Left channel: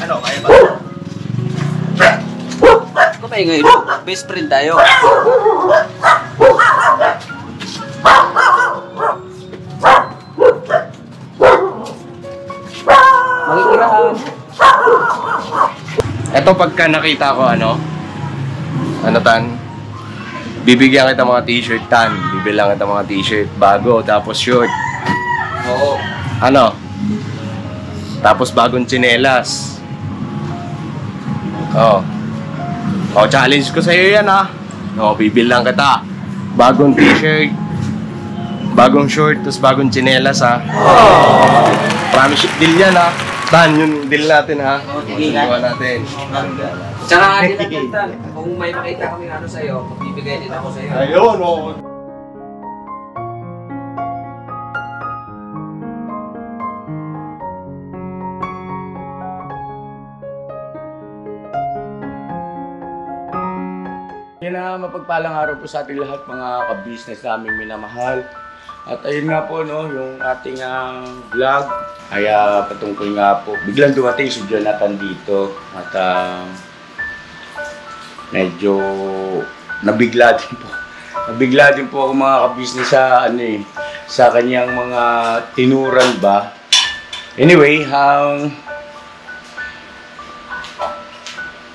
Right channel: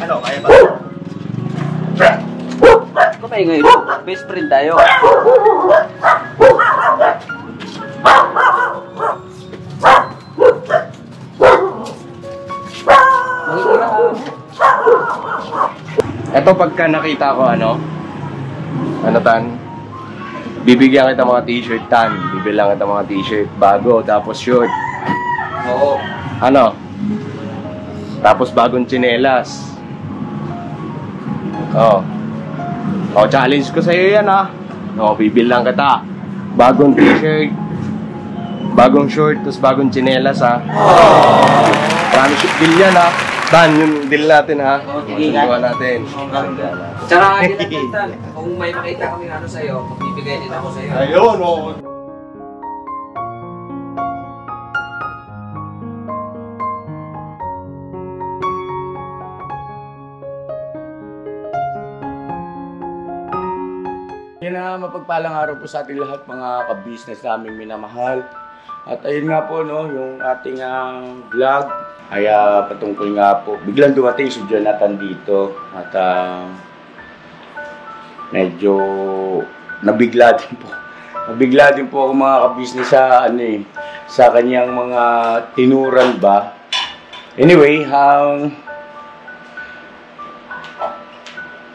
Ano, kaya ba? Ano ba yung best friend tayo? Ito pagka nakita ko ano tan, bibigyan kita mga t-shirt tan, bibilang kita mga t-shirt bago, tapos short. Oo. Ano? Tapos bagong tsinelas. Oh. Oh, challenge ko sa iyo yan ha. Oh, bibilang kita. Bagong t-shirt, bagong short, tapos bagong tsinelas ha. Oh. Promise deal yan ha. Tan, yung deal natin ha. Masusuwa natin. Tsaka din lang, kung may makita kami ano sa'yo, magbibigay din ako sa'yo. Ayun, oh. Yan na, mapagpalang araw po sa ating lahat mga ka-business naming minamahal. At ayun nga po, no, yung ating vlog ay patungkol nga po. Biglang dumating si Jonathan dito at medyo nabigla din po. Nabigla din po ako mga ka-business sa sa kanyang mga tinuran ba. Anyway,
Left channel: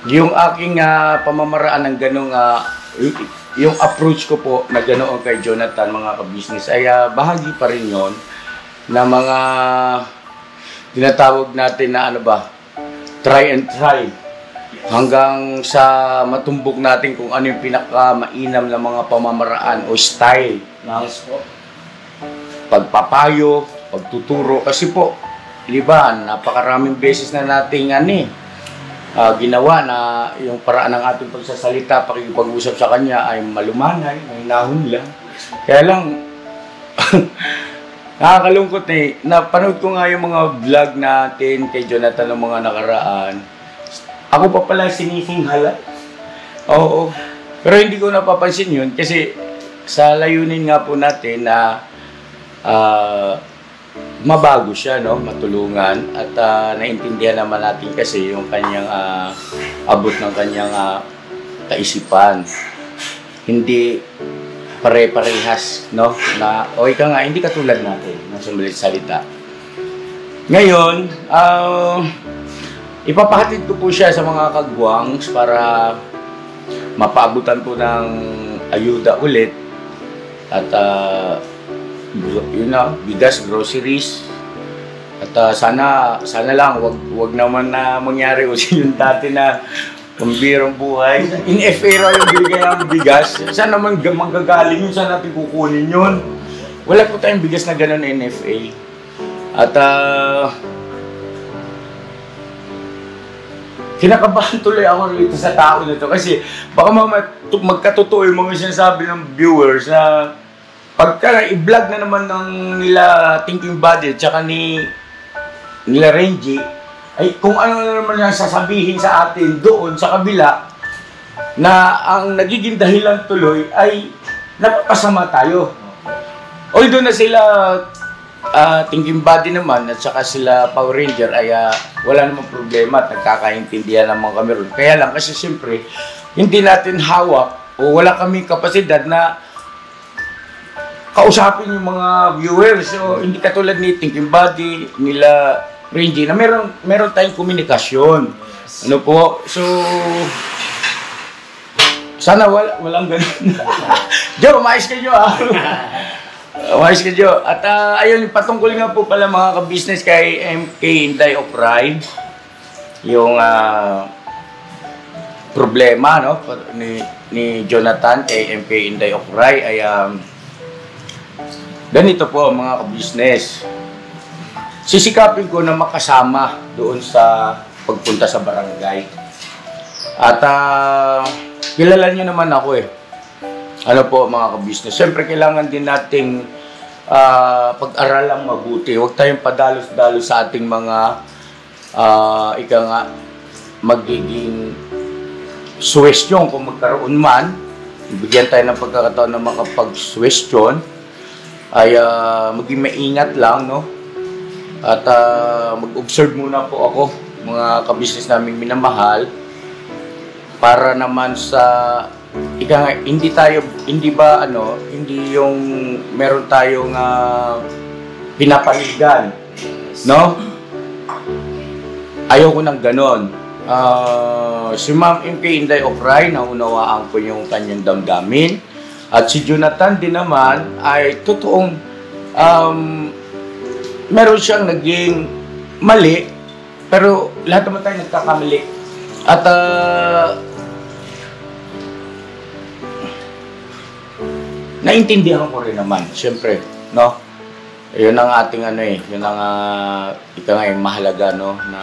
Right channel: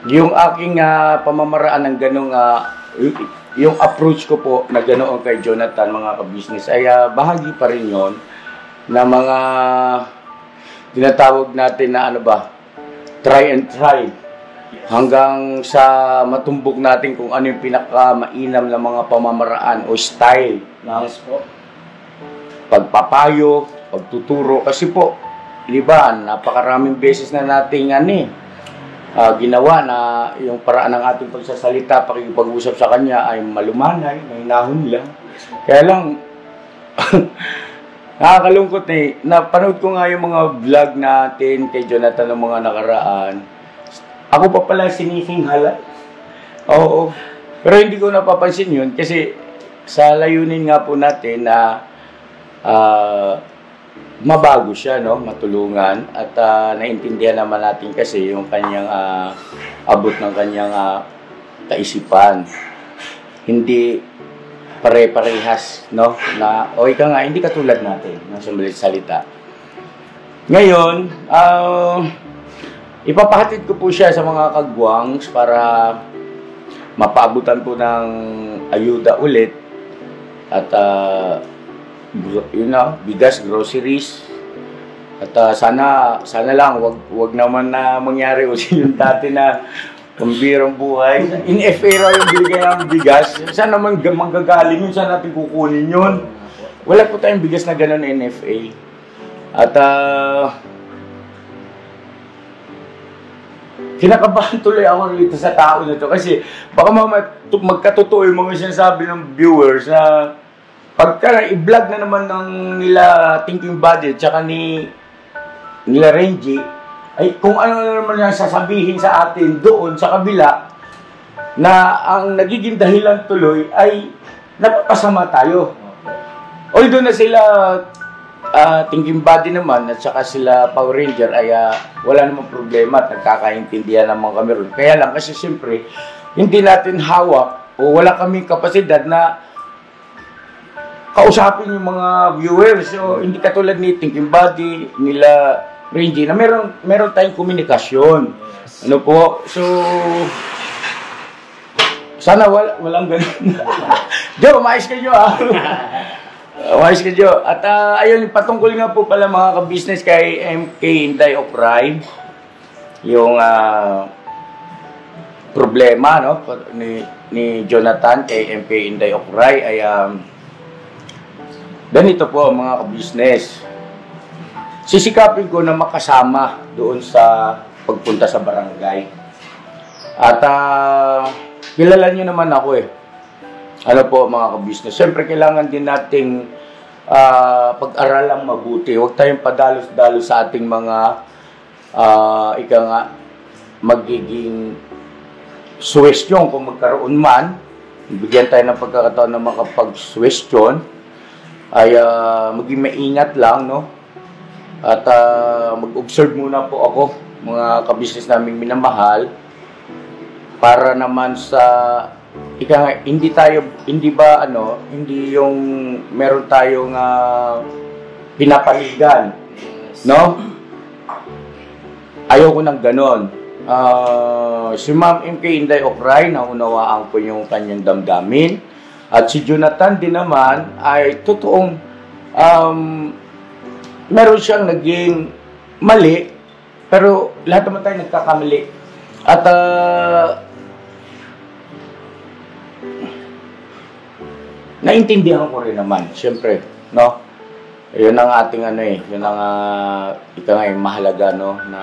yung aking pamamaraan ng ganong yung approach ko po na ganoon kay Jonathan mga ka-business ay bahagi pa rin yon na mga tinatawag natin na ano ba, try and try hanggang sa matumbok natin kung ano yung pinaka-mainam na mga pamamaraan o style ng pagpapayo, pagtuturo. Kasi po, di ba, napakaraming beses na nating ginawa na yung paraan ng ating pagsasalita, pakikipag-usap sa kanya ay malumanay, may nahon lang. Kaya lang, nakakalungkot napanood ko nga yung mga vlog natin kay Jonathan ng mga nakaraan. Ako pa pala sinisinghala. Oo. Pero hindi ko napapansin yun kasi sa layunin nga po natin na mabago siya, no? Matulungan at naintindihan naman natin kasi yung kanyang abot ng kanyang kaisipan. Hindi pare-parehas, no? Na o ika nga hindi katulad natin ng sumulit salita. Ngayon, ipapahatid ko po siya sa mga kagwangs para mapaabutan po ng ayuda ulit at bigas, groceries. At sana lang wag naman na mangyari kasi yung dati na pambirang buhay. In FA raw yung binigay ng bigas. Saan naman manggagaling yun? Saan natin kukunin yun? Wala po tayong bigas na gano'n in FA. At kinakabahan tuloy ako rito sa tao na to kasi baka magkatotoo yung mga sinasabi ng viewers na pagka i-vlog na naman ng nila Thinking Body at saka nila Renji, ay kung ano na naman yung sasabihin sa atin doon sa kabila na ang nagiging dahilan tuloy ay napapasama tayo. Although na sila Thinking Body naman at saka sila Power Ranger ay wala namang problema at nagkakaintindihan naman kami ron. Kaya lang kasi siyempre hindi natin hawak o wala kaming kapasidad na kausapin yung mga viewers. So hindi katulad ni Thinking Body, nila Renji na meron tayong komunikasyon. Ano po? So sana walang ganun. Joe, maayos ka, Joe. Maayos ka, Joe. At ayun, patungkol nga po pala mga ka-business kay MK Inday of Ride. Yung problema no ni Jonathan kay MK Inday of Ride ay ganito po mga ka-business. Sisikapin ko na makasama doon sa pagpunta sa barangay. At kilala niyo naman ako eh. Ano po mga ka-business. Siyempre kailangan din nating pag-aralang mabuti. Huwag tayong padalos-dalos sa ating mga magiging suwestyon kung magkaroon man. Bigyan tayo ng pagkakataon na makapag-suwestyon. Ay maging maingat lang, no? At mag-observe muna po ako, mga kabisnes naming minamahal, para naman sa hindi yung meron tayong pinapanigan, no? Ayoko ng ganon. Si Ma'am MK Inday Okray, naunawaan ko yung kanyang damdamin. At si Jonathan din naman ay totoong meron siyang naging mali, pero lahat naman tayo nagkakamali. At naintindihan ko rin naman, siyempre, no? Yun ang ating yun ang mahalaga, no, na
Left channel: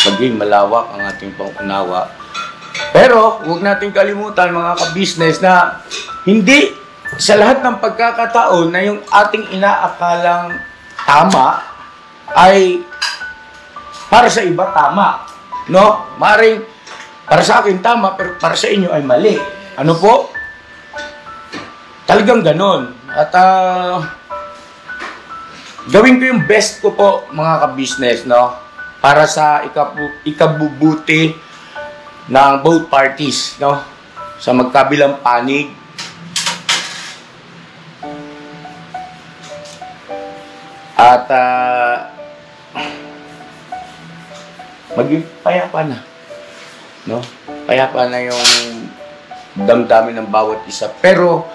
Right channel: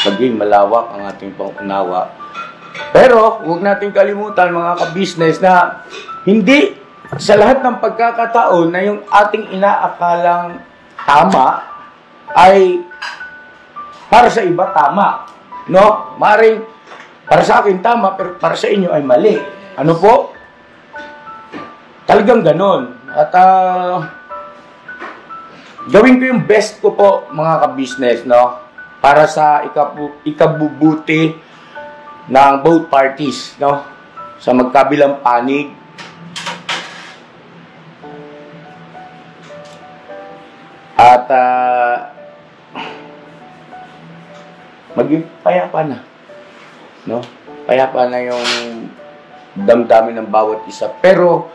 maging malawak ang ating pangunawa. Pero huwag nating kalimutan, mga ka-business, na hindi sa lahat ng pagkakataon na yung ating inaakalang tama ay para sa iba tama, no? Maring para sa akin tama, pero para sa inyo ay mali. Ano po? Talagang ganon. At gawin ko yung best ko po, mga ka-business, no? Para sa ikabubuti ng both parties, no? Sa magkabilang panig. At maging payapa na, no? Payapa na yung damdamin ng bawat isa. Pero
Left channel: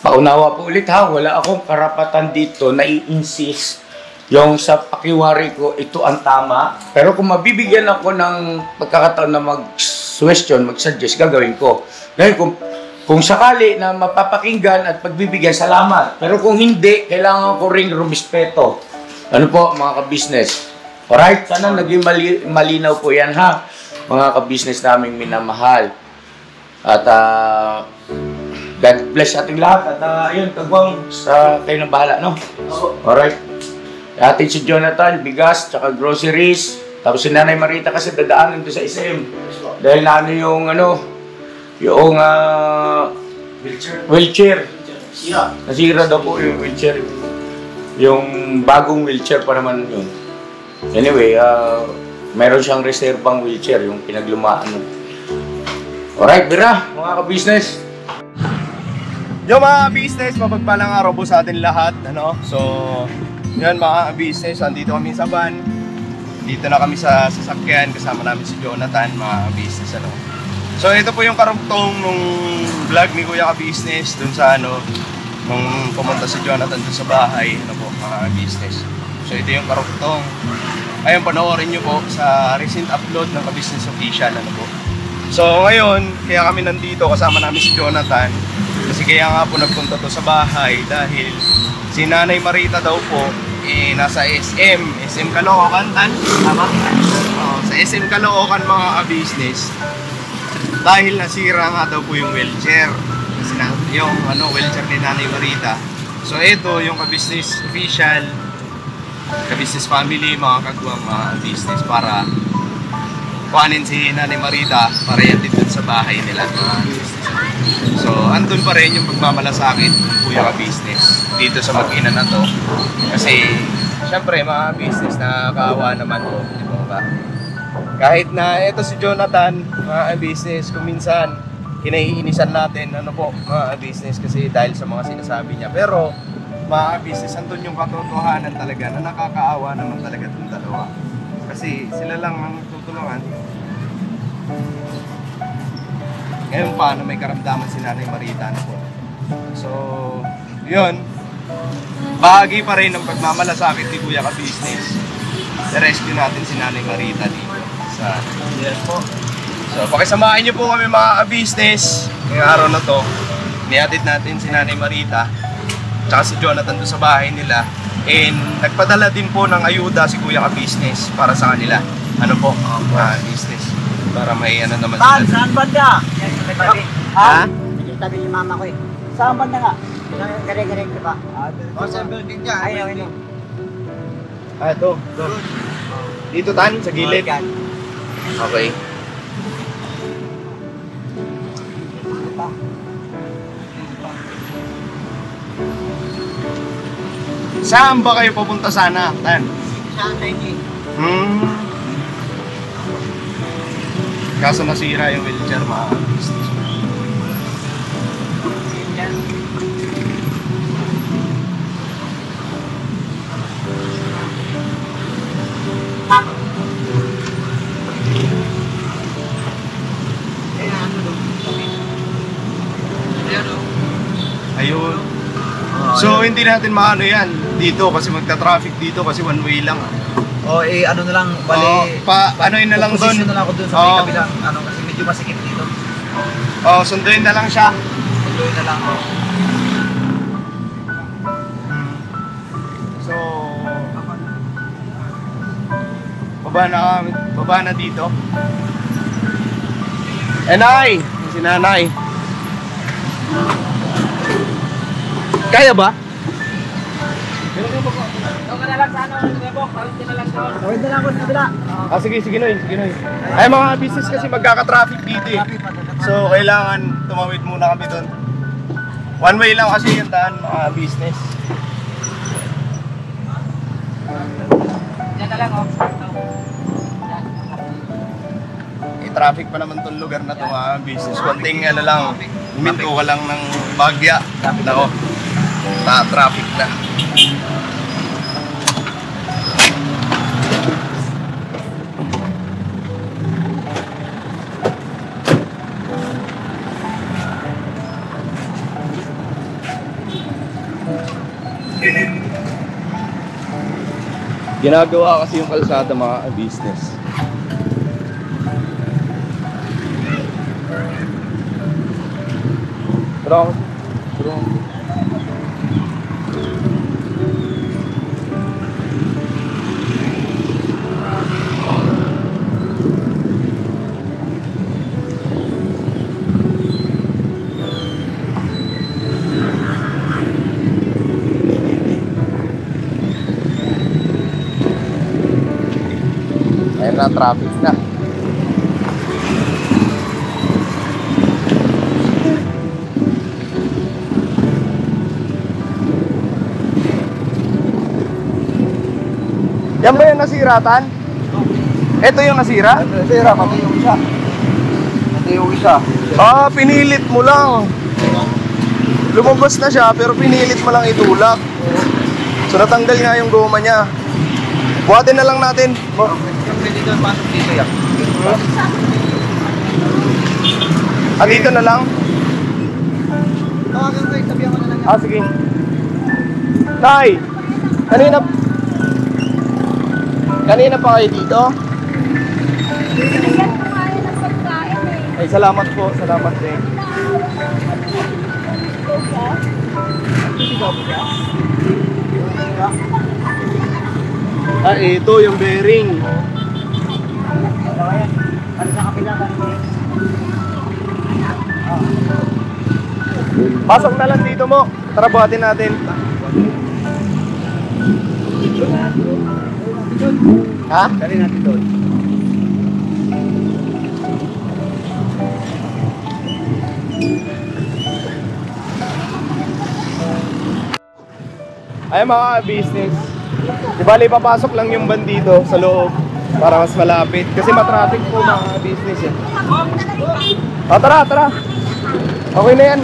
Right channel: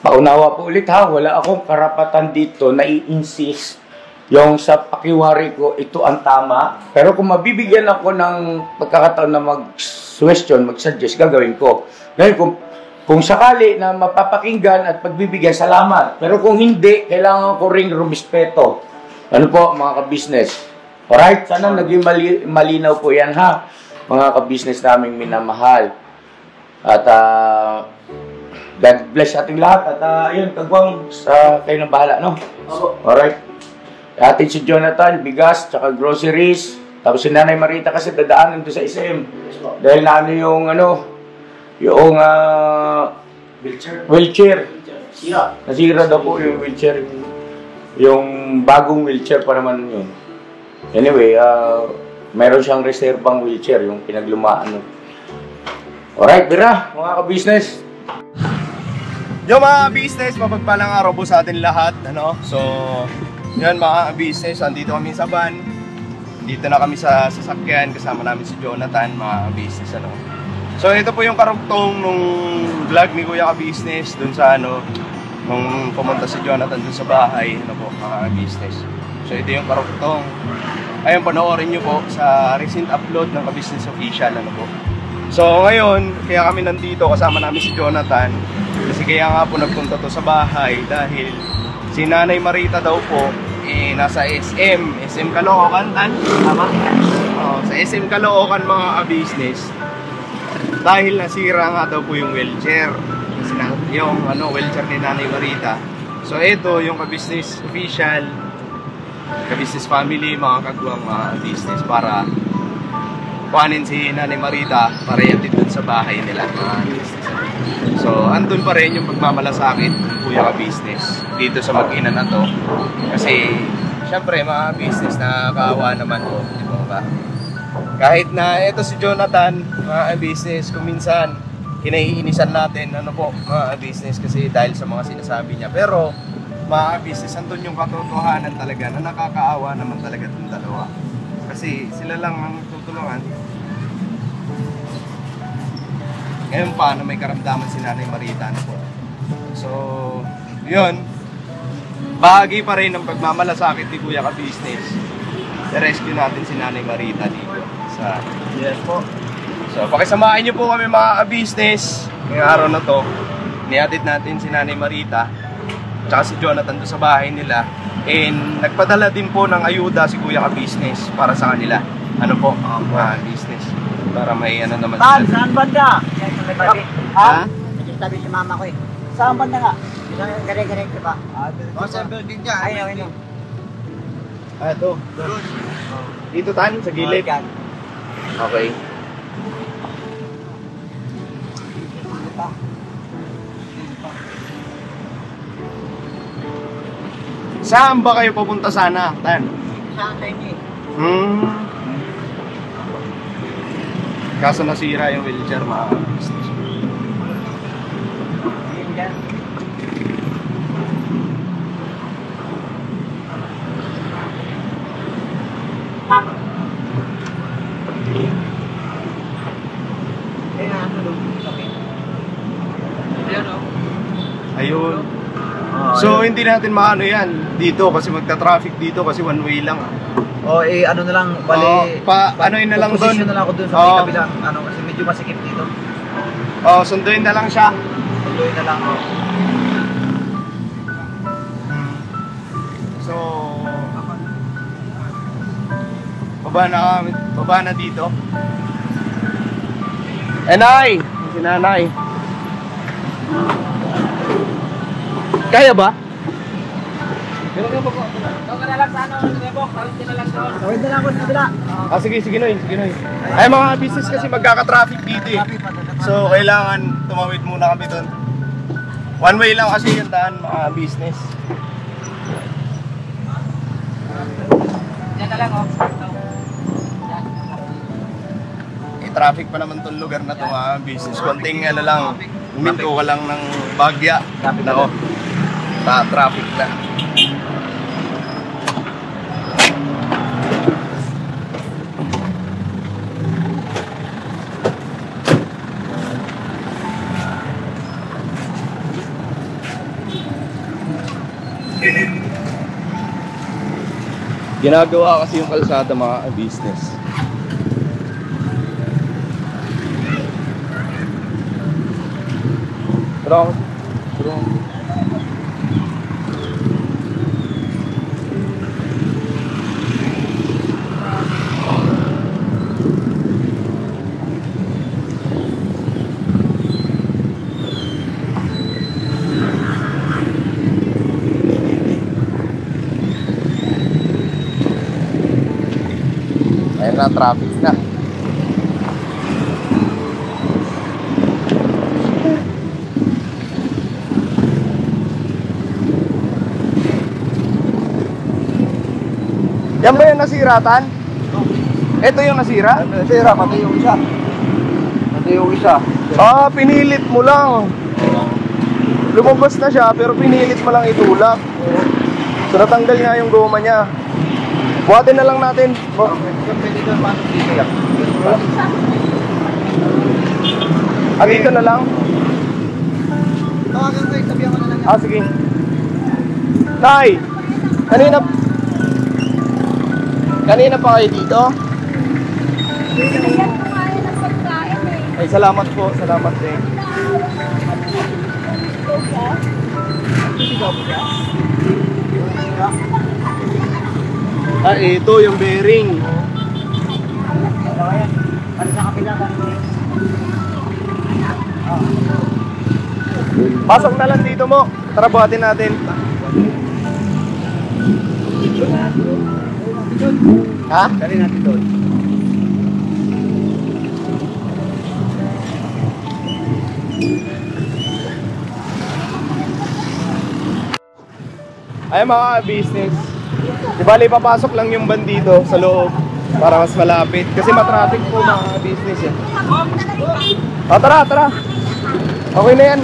paunawa po ulit, ha, wala akong karapatan dito na i-insist yung sa pakiwari ko, ito ang tama. Pero kung mabibigyan ako ng pagkakataon na mag-question, mag-suggest, gagawin ko. Ngayon, kung sakali na mapapakinggan at pagbibigyan, salamat. Pero kung hindi, kailangan ko ring rumispeto. Ano po, mga ka-business? Alright, sana naging malinaw po yan, ha? Mga ka-business naming minamahal. At God bless ating lahat. At yun, kagwang sa kayo na bahala, no? Alright. Atin si Jonathan, bigas, tsaka groceries. Tapos si Nanay Marita kasi dadaanan doon sa SM. Dahil na yung wheelchair. Nasira daw po yung wheelchair. Yung bagong wheelchair pa naman yun. Anyway, meron siyang reserbang wheelchair, yung pinaglumaan. Alright, Bira, mga ka-business. Yo mga business, mapagpalang araw po sa atin lahat, ano? So, yan mga business, andito kami sa van. Dito na kami sa sasakyan, kasama namin si Jonathan, mga business, ano? So, ito po yung karugtong nung vlog ni Kuya Ka-Business dun sa nung pumunta si Jonathan dun sa bahay, ano po, mga business. So, ito yung karugtong. Ayun, panoorin nyo po sa recent upload ng Ka-Business Official, ano po. So, ngayon, kaya kami nandito, kasama namin si Jonathan. Kasi kaya nga po nagpunta to sa bahay dahil si Nanay Marita daw po nasa SM Caloocan, tama? Sa SM Caloocan, mga ka-business. Dahil nasira nga daw po yung wheelchair. Kasi yung wheelchair ni Nanay Marita. So ito yung Ka-Business Official, Ka-Business Family, mga kagwang mga business, para kuhanin si Nanay Marita para yatid dun sa bahay nila, mga business. So andun pa rin yung pagmamalasakit ng Kuya Ka-Business dito sa mag-ina na to. Kasi syempre mga business, nakakaawa naman po, di ba? Kahit na ito si Jonathan, mga business, kung minsan kinaiinisan natin, mga business, kasi dahil sa mga sinasabi niya. Pero mga business, andun yung katotohanan talaga na nakakaawa naman talaga itong dalawa. Kasi sila lang ang tutulungan. Ngayon pa na may karamdaman si Nanay Marita, So, yun. Bahagi pa rin ng pagmamalasakit ni Kuya Ka-Business. I-rescue natin si Nanay Marita dito. Yes po. So, pakisamahin niyo po kami, mga ka-business. Ngayong araw na to, nihatid natin si Nanay Marita tsaka si Jonathan doon sa bahay nila. And nagpadala din po ng ayuda si Kuya Ka-Business para sa kanila. Ano po? Business. Para may naman sila. Saan banda? Ha? Sabi ni mama ko eh. Saan banda nga? Gare-gare ka ba? Sa building niya. Ayun. Ito. Dito tan, sa gilid. Okay. Saan ba kayo pupunta sana, Tan? sa Nike. Kaso nasira yung wheelchair, mga business. Yan. Ayun. So hindi natin maano yan dito kasi magta-traffic dito kasi one way lang. O ano na lang, bali. Ano yun na lang doon. Position na lang ako doon sa may kabilang, ano kasi medyo masikip dito. Sunduin na lang siya. Sunduin na lang. So baba na dito. Nay, si nanay. Kaya ba? Tawid na lang ako sa kabila. Sige Noy. Ay mga business kasi magkaka-traffic dito eh. So kailangan tumawid muna kami doon. One way lang kasi yung daan mga business. Yan na lang Traffic pa naman tong lugar na to mga business. Konting ano lang, huminto ka lang ng bagya. Nako, traffic na. Ginagawa kasi yung kalsada mga business. Terong. Ayan na, traffic na. Yan ba yung nasira, Tan? Ito yung nasira? Nasira, pati yung isa. Pinilit mo lang. Lumabas na siya, pero pinilit mo lang itulak. So natanggal nga yung goma niya. Buhatin na lang natin. Yung pwede doon, pasok dito yan. Dito na lang? Tawagan ko, sabihan ko na lang yan. Sige. Tay! Kanina pa kayo dito? Binigyan ko nga yun ng pagkain eh. Ay, salamat po. Salamat din. Ito yung bearing. Ano sa kapila ka rin? Pasok na lang dito mo. Tara, buhatin natin. Ha? Dali natin doon. Ay mga business. Di bali papasok lang yung van dito sa loob para mas malapit. Kasi matraffic po mga business yan. Tara. Okay na yan.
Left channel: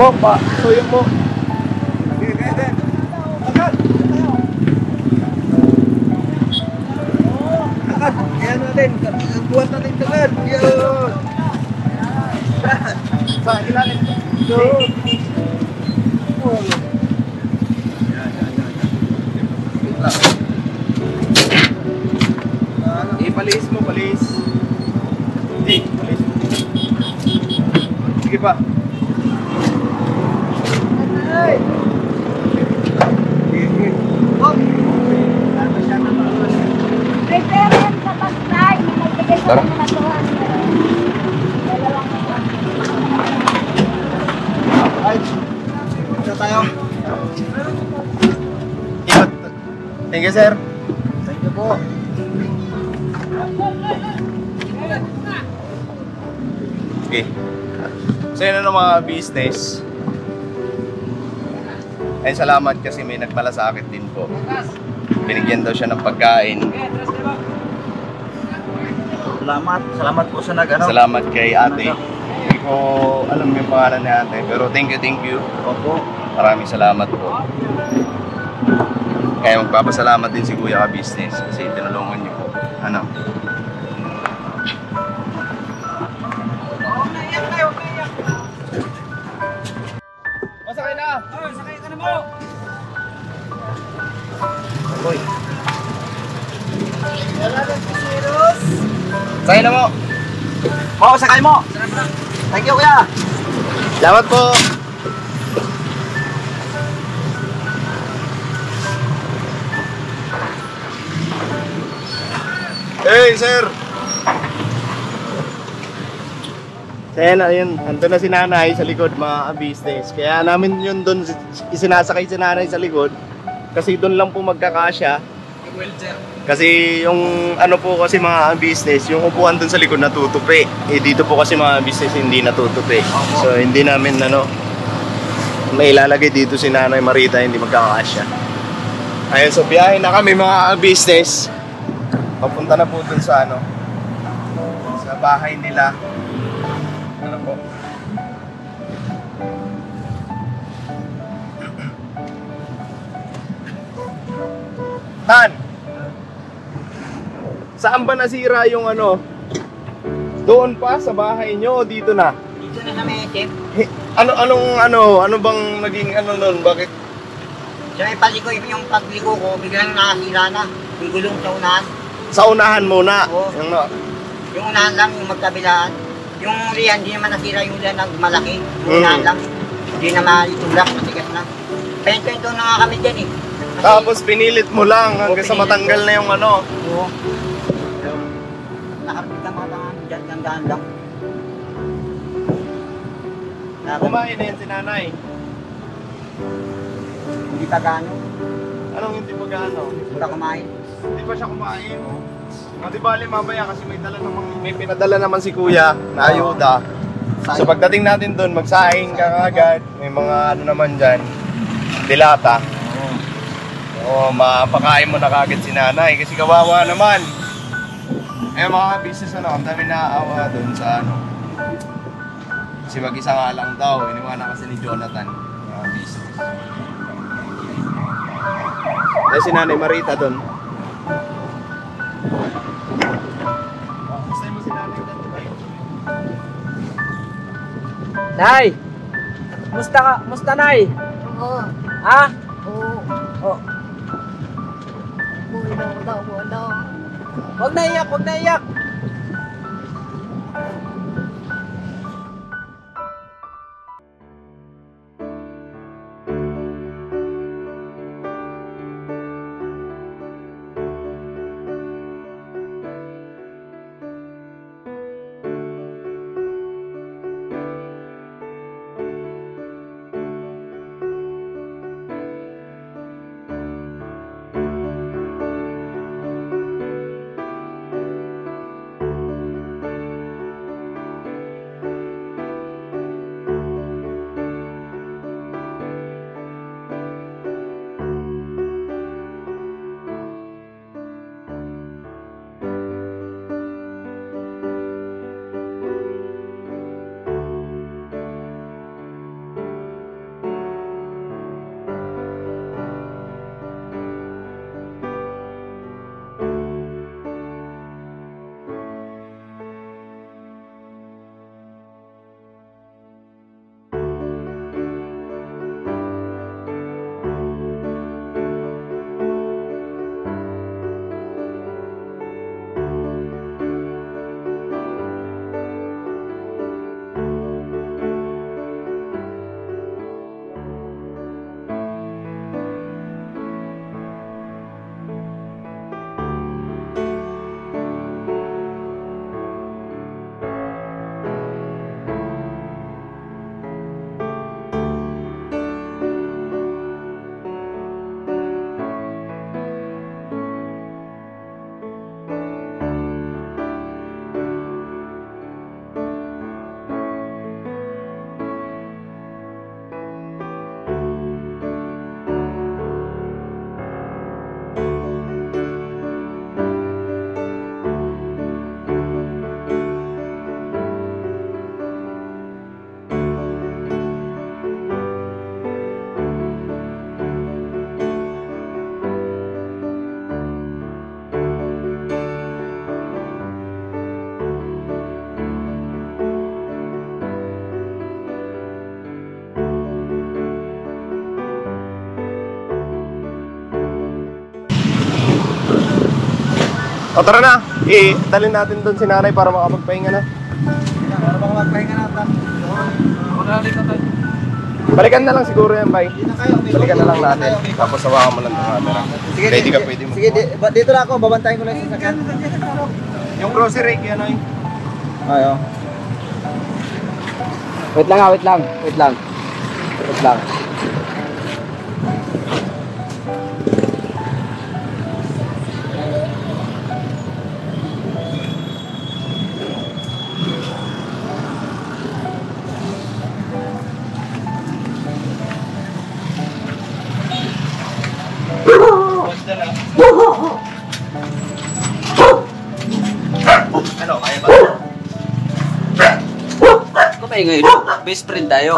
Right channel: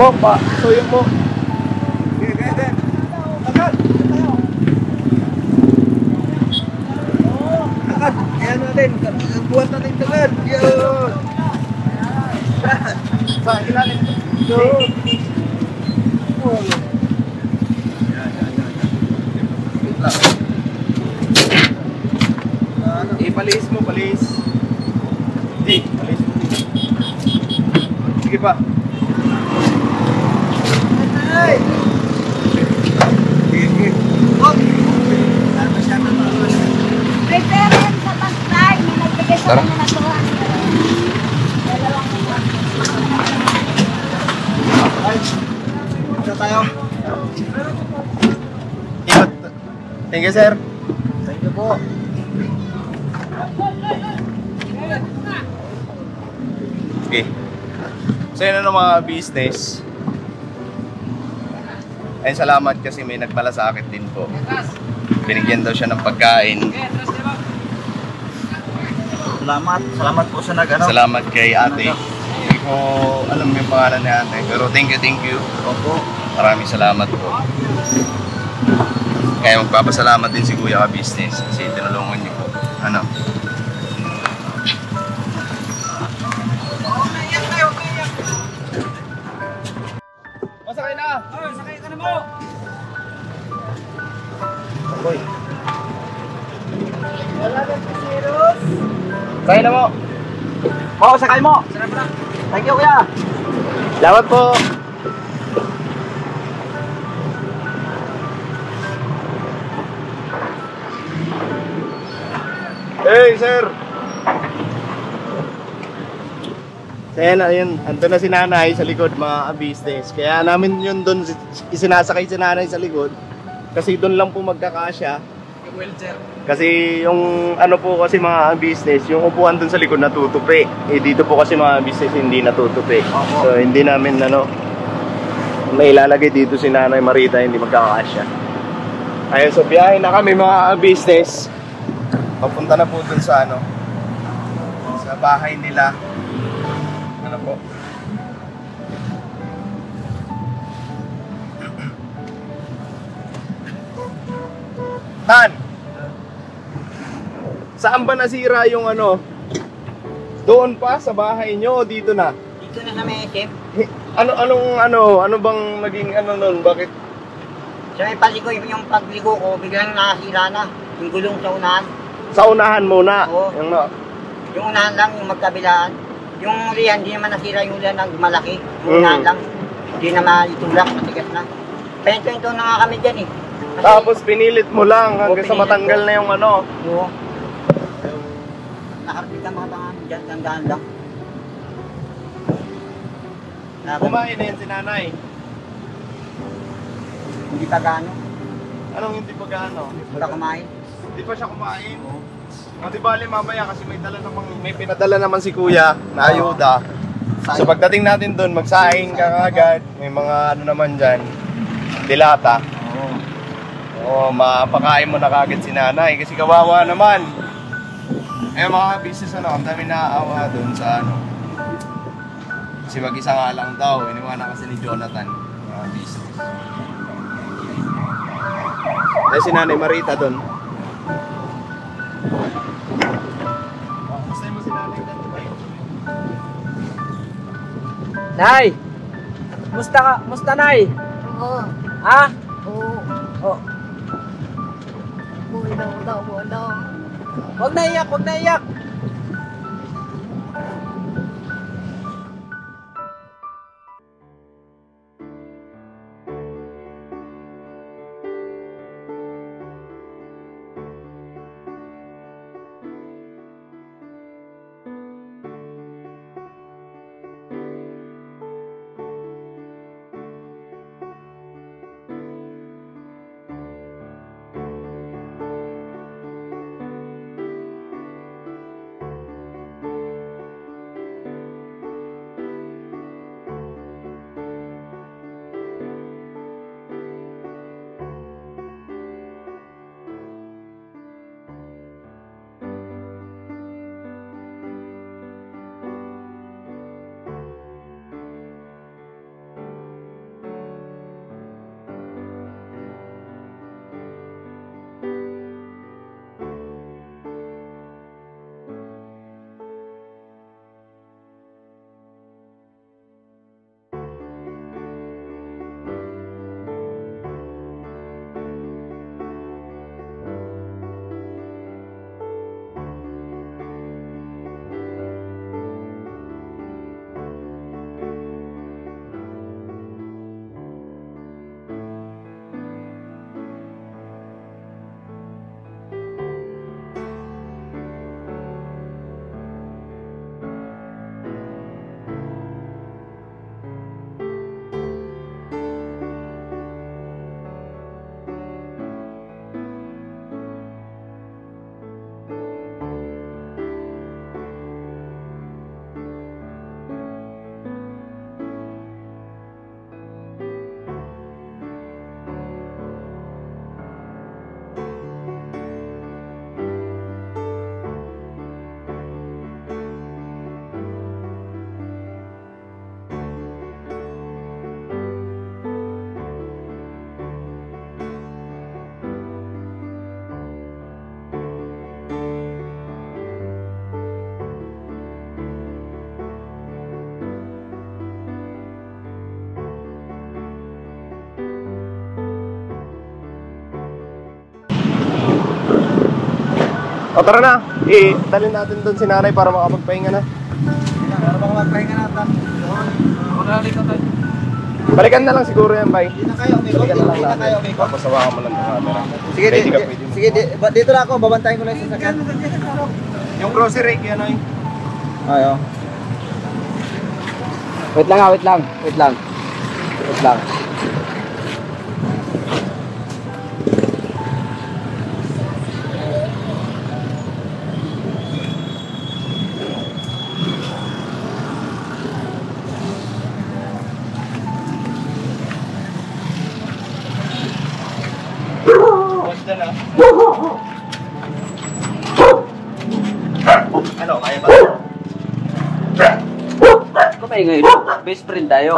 Mo pa. Suyok mo. Ayan natin. Buhat natin tagad. Yun. Sa ilalim. Palis mo, palis. Hindi, palis mo. Sige pa. May pera yan sa pag-try. Nagbigay sa Tara. kanya na 200. Dalawang Ito tayo. Ikot. Thank you, sir. Thank you po. Okay. So yun na ng mga business. Ay, salamat kasi may nagmalasakit din po. Binigyan daw siya ng pagkain. Salamat po sa nag-ano. Salamat kay ate. Hindi ko alam yung pangalan ni ate. Pero thank you. Opo. Maraming salamat po. Kaya magpapasalamat din si Kuya Ka-Business kasi tinulungan niyo po. Ano? Masakay na! Sakay ka na mo! Boy. Sakay na mo! Oo, sakay mo. Thank you, kuya. Salamat po! Hey, sir! Kaya na yun, ando na si nanay sa likod mga business. Kaya namin yun doon isinasakay si nanay sa likod. Kasi doon lang po magkakasya. Kasi yung ano po kasi mga business, yung upuan doon sa likod natutupi. Eh dito po kasi mga business hindi natutupi. So hindi namin may ilalagay dito si Nanay Marita, hindi magkakasya. Ayun, so biyahe na kami mga business. Papunta na po doon sa sa bahay nila. Ano po? Tan! Saan ba nasira yung Doon pa sa bahay nyo o dito na? Dito na sa may tip. Ano bang naging nun? Bakit? Sa may paligo, yung pagligo ko, biglang nakasira na. Yung gulong sa unahan. Sa unahan muna. Oo. Yung Yung unahan lang, yung magkabilaan. Yung riyan, hindi naman nasira yung riyan ng malaki. Yung unahan lang. Hindi naman itulak, matigas na. Pento na nga kami dyan eh. Kasi, Tapos pinilit mo lang hanggang sa pinilit matanggal ko. na yung Oo. Nakarapit ka makatangan dyan, tandaan lang. Kumain na yan si nanay. Hindi pa gaano. Anong hindi pa gaano? Wala kumain. Hindi pa siya kumain. O di bali mamaya kasi may pinadala naman si kuya na ayuda. So pagdating natin doon, magsaing ka agad. May mga naman dyan, dilata. Oo, mapakain mo na kagad si nanay kasi kawawa naman. Eh mga business ang dami naaawa doon sa kasi mag-isa nga lang daw, iniwanan kasi ni Jonathan, mga business. Eh si Nanay Marita doon. Gusto mo si Nanay doon? Nay! Musta ka? Musta, Nay? Oo. Ha? Oo. Oh. Bulo. Huwag na iyak! O tara na, dalhin natin doon si nanay para makapagpahinga na. Para baka magpahinga natin. Balikan na lang siguro yan, bay. Dito na kayo. Balikan na lang Dito natin. kayo, may Tapos hawakan mo lang yung camera. Sige, Pwede ka, pwede mo. sige, dito na ako. Babantayin ko lang sa sasakyan. Yung grocery, yan ay. Ayo. Wait lang. Wait lang. Ano, kaya ba? Kumay ngayon, best friend tayo.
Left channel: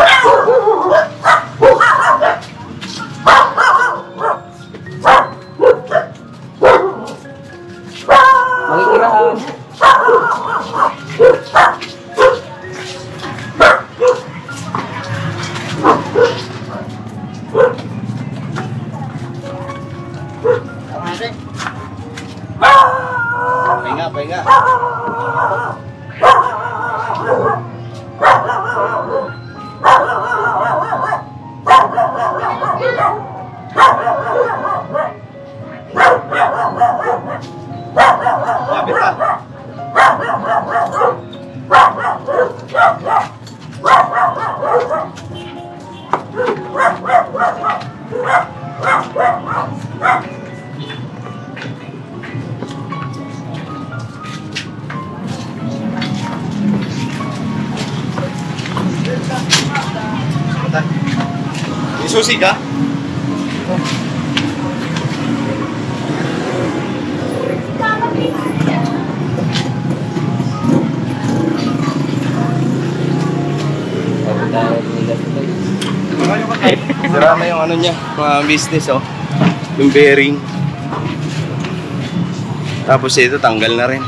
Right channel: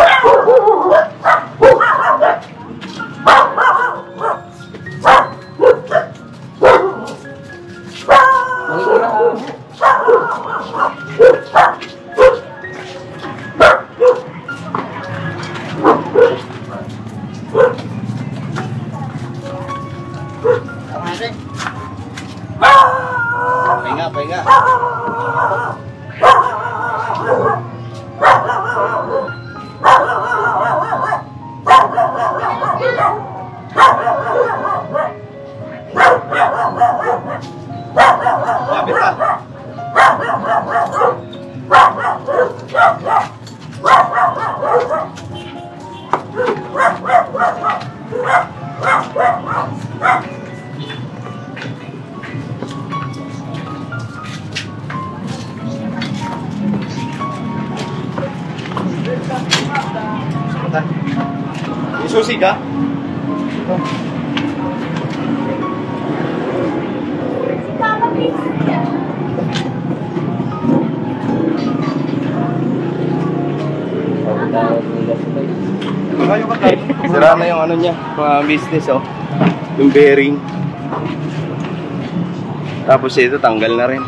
Pahinga. Lapit ka. Isusi ka? Sira na yung ano niya, mga business oh. Yung bearing. Tapos ito tanggal na rin.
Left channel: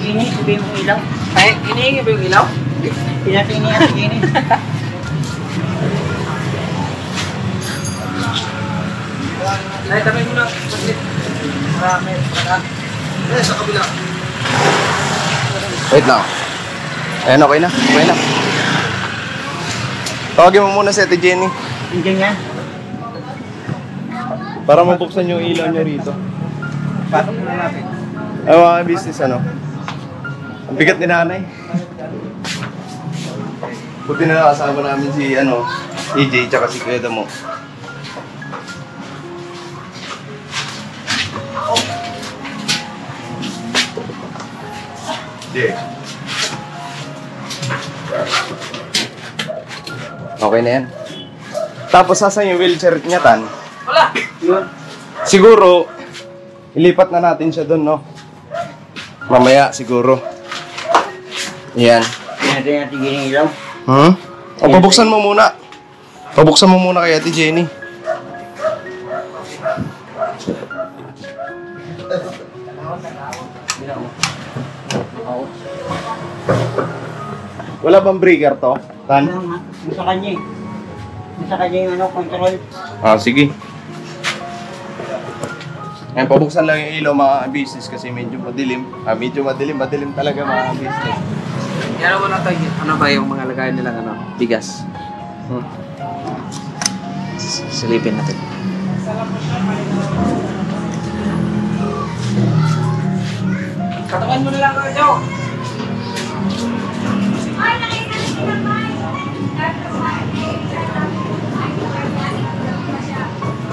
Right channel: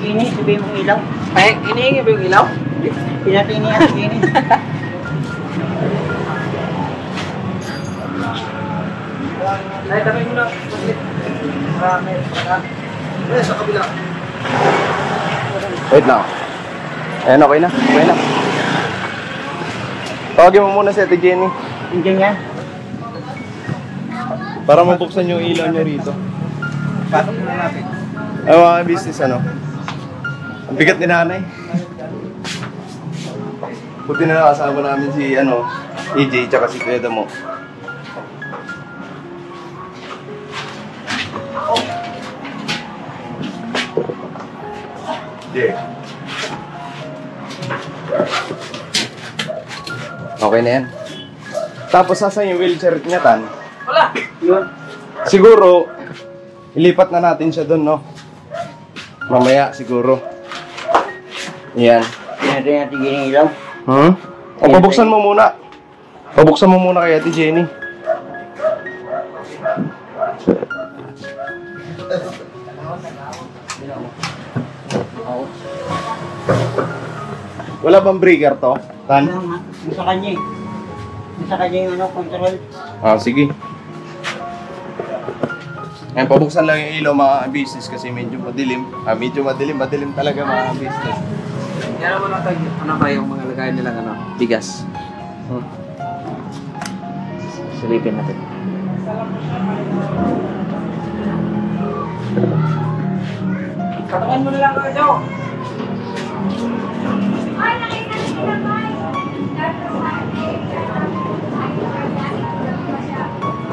Ini, sabihin mong ilaw. Ay, inihingi ba yung ilaw? Pinatini at gini. Ay, tabi mo na. Marami. Sa kabila. Wait lang. Ayan, okay na. Tawagin mo muna si Ate Jenny. Hindi yan. Para mabuksan yung ilaw niya rito. Pasok muna natin. Ay, mga business ano. Ang bigat ni nanay. Buti na nakasama namin si EJ tsaka si Kuya Damo. Okay na yan. Tapos saan yung wheelchair niya, Tan? Wala. Yun. Siguro, ilipat na natin siya doon, no? Mamaya, siguro. Yan. Pinatini at gini ilaw. O, pabuksan mo muna. Pabuksan mo muna kay Ate Jenny. Wala bang breaker to, Tan? Sa kanya eh. Sa kanya yung control. Ah, sige. Ngayon, pabuksan lang yung ilaw mga business kasi medyo madilim. Madilim talaga mga business. Yan naman natin, ano ba yung mga lagayan nilang bigas? Silipin natin. Katawan mo na lang kayo, Joe.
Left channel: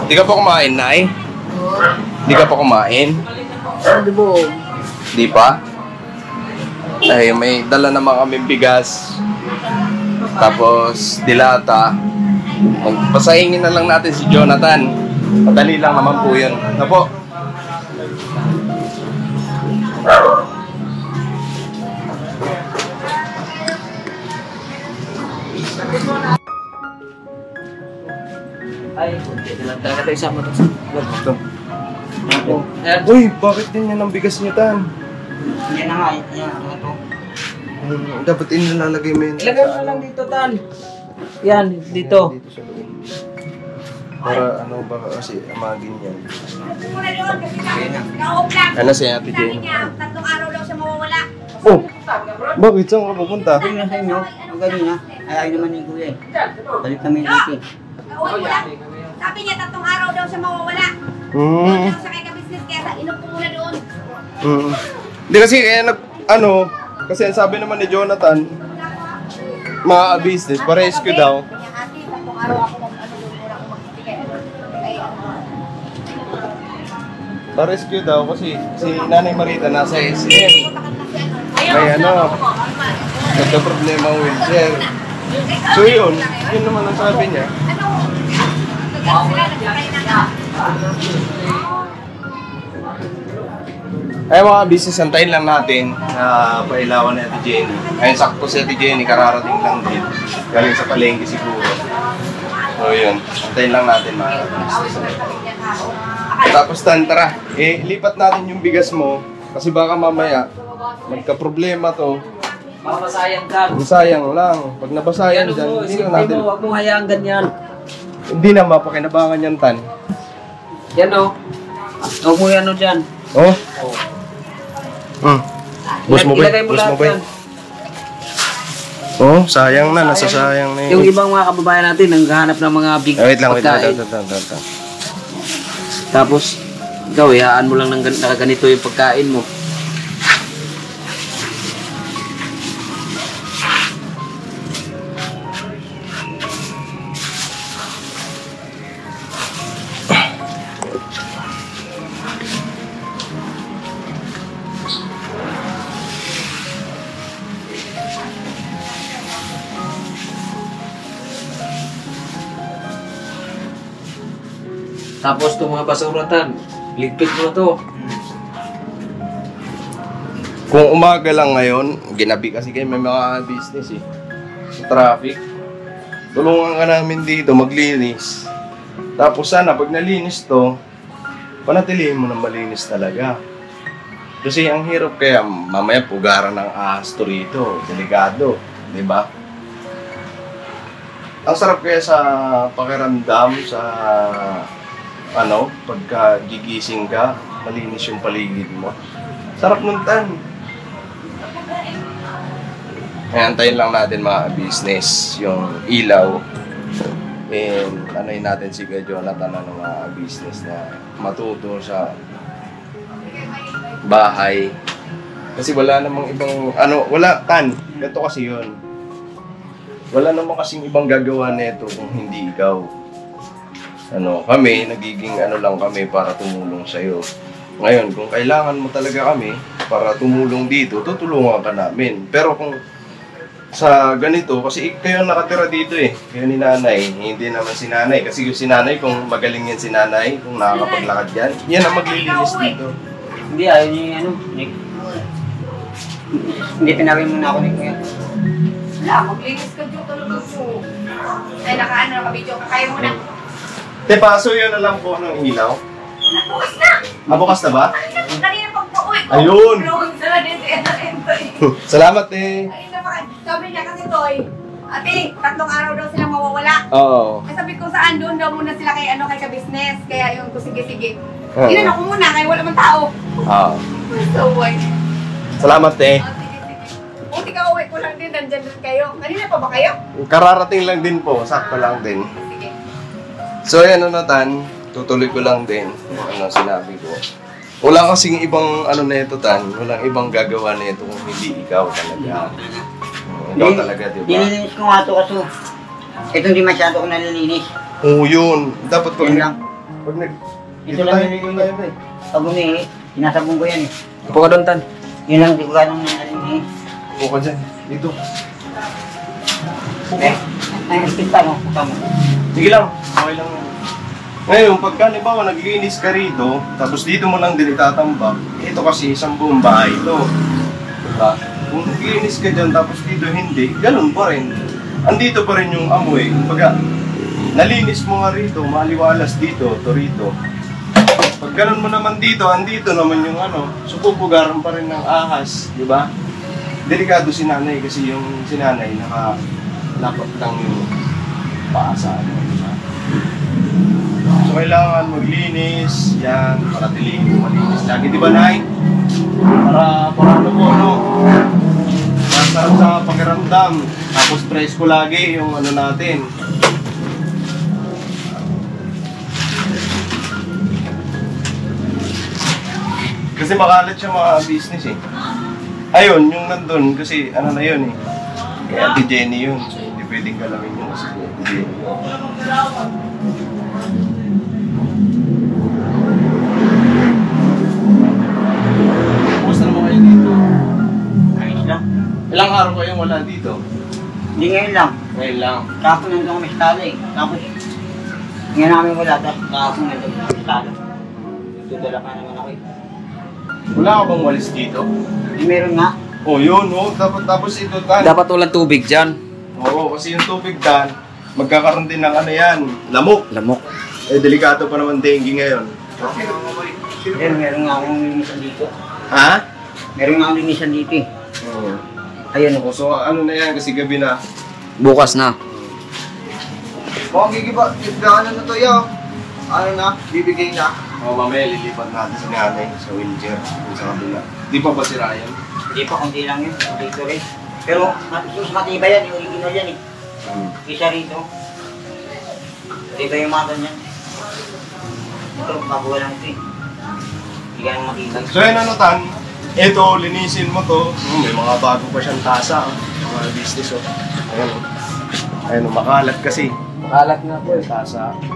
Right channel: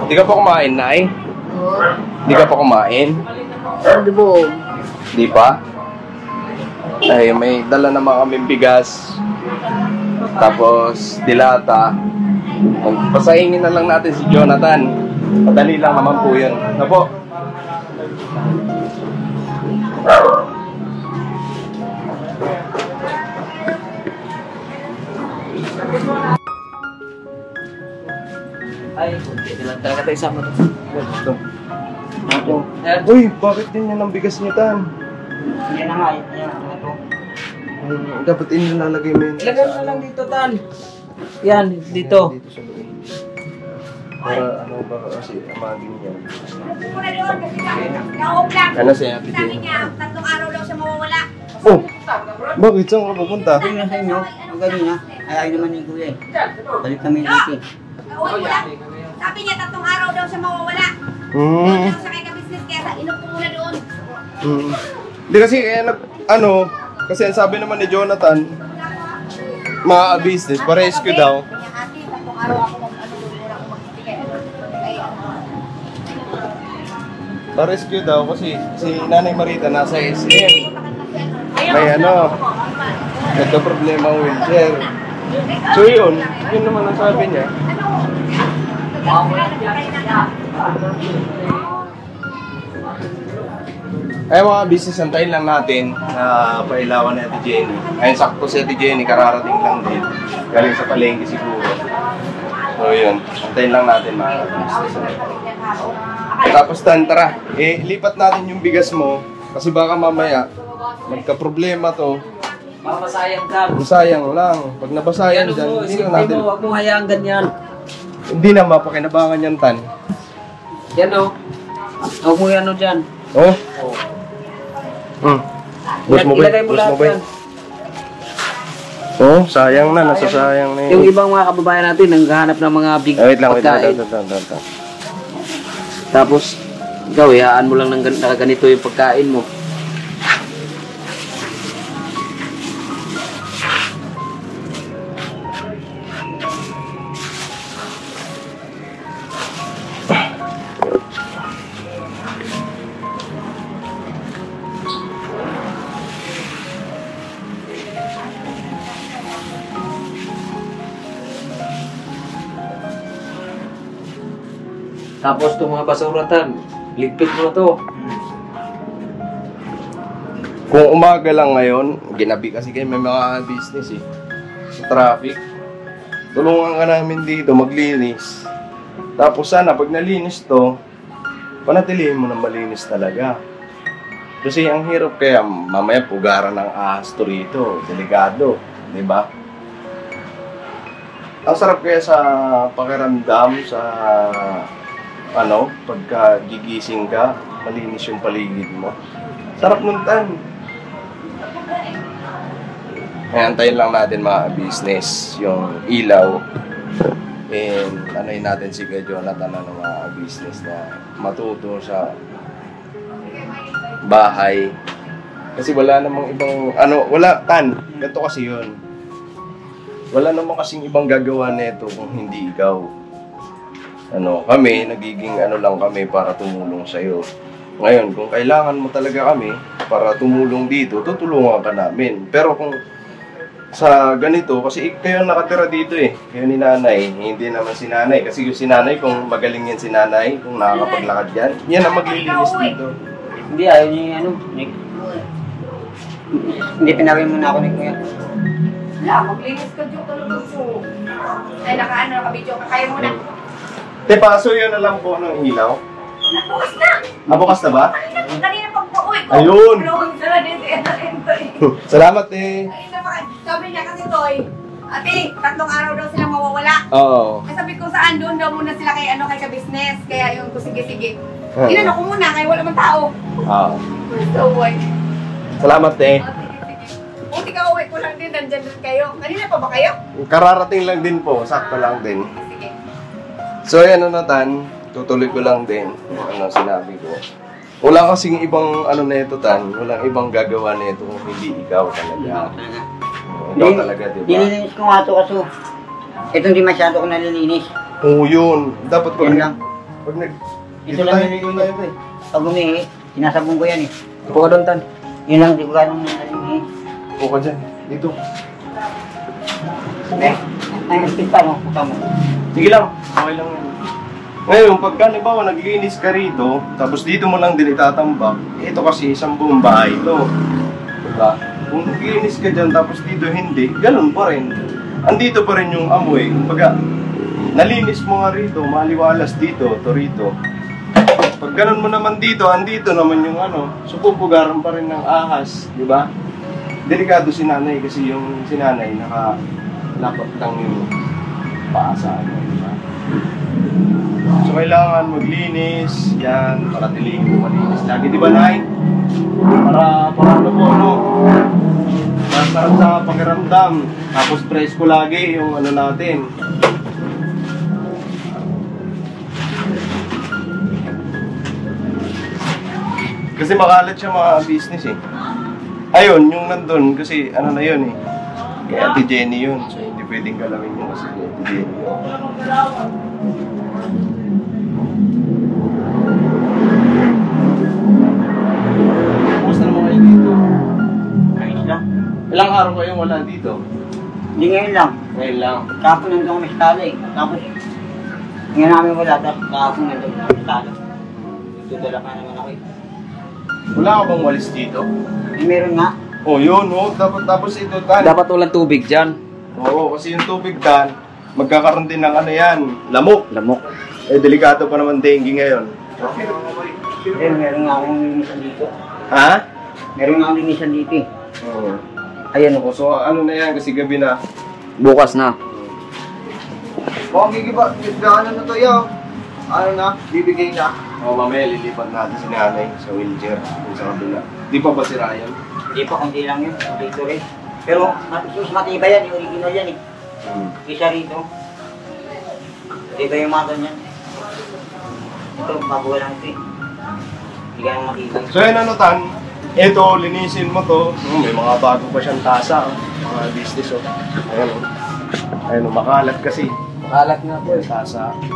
Di ka pa kumain, Nay? Di ka pa kumain? Hindi mo. Di pa? Ay, may dala naman kaming bigas. Tapos, dilata. Pasahingin na lang natin si Jonathan. Madali lang naman po yun. Ano po? Ay, hindi lang talaga tayo sama to. Ito. Ako. Uy, bakit din yan ang bigas niya, Tan? Yan na nga. Yan na ito. Dapat inilalagay mo yun. Ilagay mo na lang dito, Tan. Yan, dito. Dito sa loob. Para ano ba kasi mga ganyan. Muna doon kasi na-off lang. Ano si Ate Sabi Jenny? niya, 3 araw daw siya mawawala. Oh! Bakit? Saan ka pupunta? Sabi na sa inyo, ang ganina, ayaw naman ni Kuya eh. Balik kami natin. Uwi mo lang. Sabi niya, 3 araw daw siya mawawala. Hmm. Doon daw siya kay ka-business kaya inup ko muna doon. Hindi kasi kasi ang sabi naman ni Jonathan, mga business, pa-rescue daw. Kaya ate, 3 araw ako doon muna ako magbibigay. Pa-rescue daw kasi si Nanay Marita nasa SM. May nagka-problema ang wheelchair. So yun naman ang sabi niya. Ay mga business, antayin lang natin na pailawan ni Ate Jenny. Ayun, sakto si Ate Jenny, kararating lang din. Galing sa palengke siguro. So yun, antayin lang natin mga business. Tapos tara, lipat natin yung bigas mo. Kasi baka mamaya, magka-problema to. Mapasayang ka. Sayang lang. Pag nabasayan dyan, hindi na natin. Huwag mo hayaan ganyan. Hindi na mapakinabangan yan, Tan. Yan o. Huwag mo yan o dyan. Oh? Bus mo ba? Ilagay mo Bus lahat mo ba? yan. Oh, sayang na. Nasasayang na Yung yun. ibang mga kababayan natin, nanghahanap ng mga big Wait lang. pagkain. Tapos, ikaw, ihaan mo lang ng ganito yung pagkain mo. Tapos itong mga basuratan, ligpit mo na to. Kung umaga lang ngayon, ginabi kasi kayo may mga business eh. Sa traffic. Tulungan ka namin dito, maglinis. Tapos sana, pag nalinis to, panatilihin mo na malinis talaga. Kasi ang hirap kaya, mamaya pugaran ng ahas to rito. Delikado, di ba? Ang sarap kaya sa pakiramdam, sa pagka gigising ka, malinis yung paligid mo. Sarap nun, Tan. Kaya antayin lang natin mga business, yung ilaw. And anayin natin si Kuya Jonathan ng mga business na matuto sa bahay. Kasi wala namang ibang, Tan, ganito kasi yun. Wala namang kasing ibang gagawa nito kung hindi ikaw. Kami, nagiging lang kami para tumulong sa'yo. Ngayon, kung kailangan mo talaga kami para tumulong dito, tutulungan ka namin. Pero kung sa ganito, kasi kayo nakatira dito kayo ni nanay, hindi naman si nanay. Kasi yung si nanay, kung magaling yan si nanay, kung nakakapaglakad yan, yan ang maglilinis dito. Hindi, ayaw niya Nick. Hindi pinawin mo na ako ni Kuya. Wala, maglinis ka dito talaga po. Ay, naka-video ka. Kaya mo na. Te, paso yun na lang po ng ilaw. Bukas na! Bukas na ba? Kanina pag-uwi ko. Ayun! Vlog sila din si Entoy. Salamat eh. Kanina pa, sabi niya kasi Toy, ate, 3 araw daw silang mawawala. Oo. Ay sabi ko saan doon daw muna sila kay ka-business. Kaya yung sige. Oo. Inano ko muna kaya wala man tao. Oo. So, why? Salamat eh. Sige. Buti ka uwi ko lang din, nandyan din kayo. Kanina pa ba kayo? Kararating lang din po, sakto lang din. Sige. So yan Tan, tutuloy ko lang din yung sinabi ko. Wala kasing ibang nito Tan, walang ibang gagawa nito kung hindi ikaw talaga. Ikaw talaga, di ba? Nililinis ko nga ito kaso. Ito hindi masyado ko nalilinis. Oo yun. Dapat pag Yan lang. Pag Ito lang nililinis ko eh. Pag umihi, sinasabong ko yan eh. Upo ka doon, Tan. Yun lang, di ko ganong nalilinis. Upo ka dyan, dito. Ay, kita mo, puta mo. Sige lang, okay lang. Ngayon, pagka halimbawa naglinis ka rito, tapos dito mo lang din itatambak, ito kasi isang buong bahay ito. Diba? Kung naglinis ka dyan, tapos dito hindi, ganun pa rin. Andito pa rin yung amoy. Pagka nalinis mo nga rito, maliwalas dito, to rito. Pag ganun mo naman dito, andito naman yung supupugaran pa rin ng ahas, di ba? Delikado si nanay kasi yung si nanay nakalapot lang yung paa sa di ba? So kailangan maglinis, yan, para tilihin mo malinis lagi, di ba Nay? Para ano po, no? Masarap sa pakiramdam, tapos presko lagi yung ano natin. Kasi makalat siya mga business eh. Ayun, yung nandun, kasi ano na yun eh. Kay Ate Jenny yun. So, hindi pwedeng galawin yun kasi kay Ate Jenny yun. Kumusta naman kayo dito? Ayos lang. Ilang araw kayong wala dito? Hindi ngayon lang. Ngayon lang. Kapon nandun kami sa tala eh. Tapos, nga namin wala. Tapos kapon nandun kami sa tala. Tutulak na naman ako eh. Wala ka bang walis dito? Meron nga. Oh, yun, oh. Tapos ito, Tan. Dapat walang tubig dyan. Oo, kasi yung tubig, Tan, magkakaroon din ng ano yan, lamok. Lamok. Eh, delikado pa naman dengue ngayon. Meron nga akong linisan dito. Ha? Meron nga akong linisan dito eh. Oo. Ayan Oh, so, ano na yan, kasi gabi na. Bukas na. Oh, gigana na to, yo. Ano na, bibigay na. Oh, mamaya lilipat natin si nanay sa wheelchair, kung sa kabila. Di pa ba si Ryan? Hindi pa, kundi lang yun. Dito rin. Pero mas matibay yan, yung original yan eh. Isa rito. Matibay yung mata niyan. Ito, bago lang ito eh. Hindi ka nang matibay. So, yun ano, Tan, ito, linisin mo to. May mga bago pa siyang tasa, mga business, oh. Ayan, oh. Ayan, oh, makalat kasi. Makalat nga po Yung tasa. Ayan,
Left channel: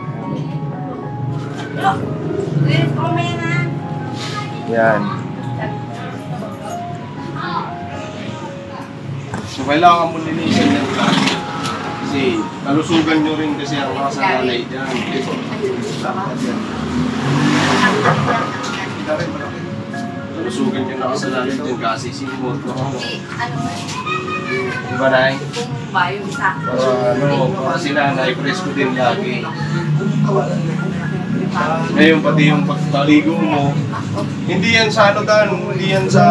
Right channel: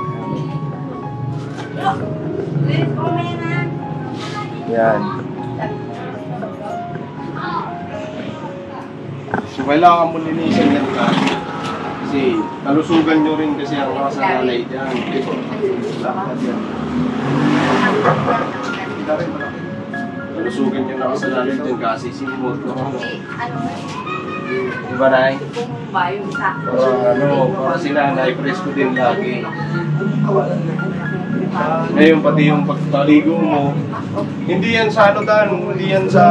oh. Yan. So, kailangan mo linisin yan ka. Kasi, kalusugan nyo rin kasi ang nakasanalay dyan. Ito, lakad yan. Kita rin malaki. Kalusugan nyo nakasanalay dyan kasi simot ko. Diba, Nay? Para si Nanay, presko din lagi. Ngayon pati yung pagpaligo mo, hindi yan sa ano, Dan, hindi yan sa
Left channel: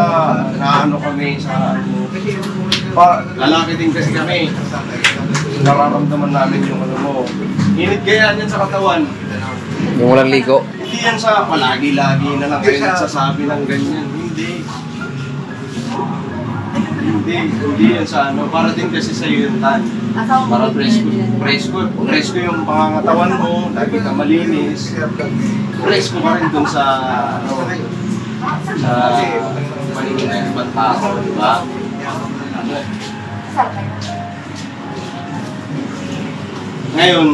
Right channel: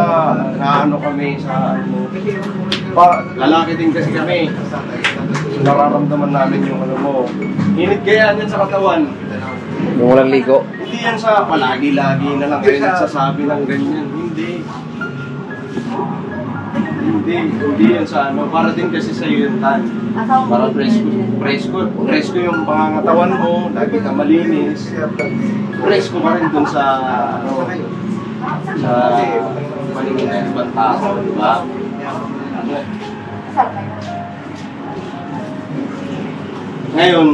naano kami sa ano. Lalaki din kasi kami. Nararamdaman namin yung ano mo. Init kaya yan sa katawan. Yung walang ligo. Hindi yan sa palagi-lagi na lang kayo nagsasabi ng ganyan. Hindi yan sa ano. Para din kasi sa iyo yung Tan. Para presko yung pangangatawan mo, lagi ka malinis. Presko pa rin dun sa ano, sa paningin ng ibang tao, di ba? Ngayon,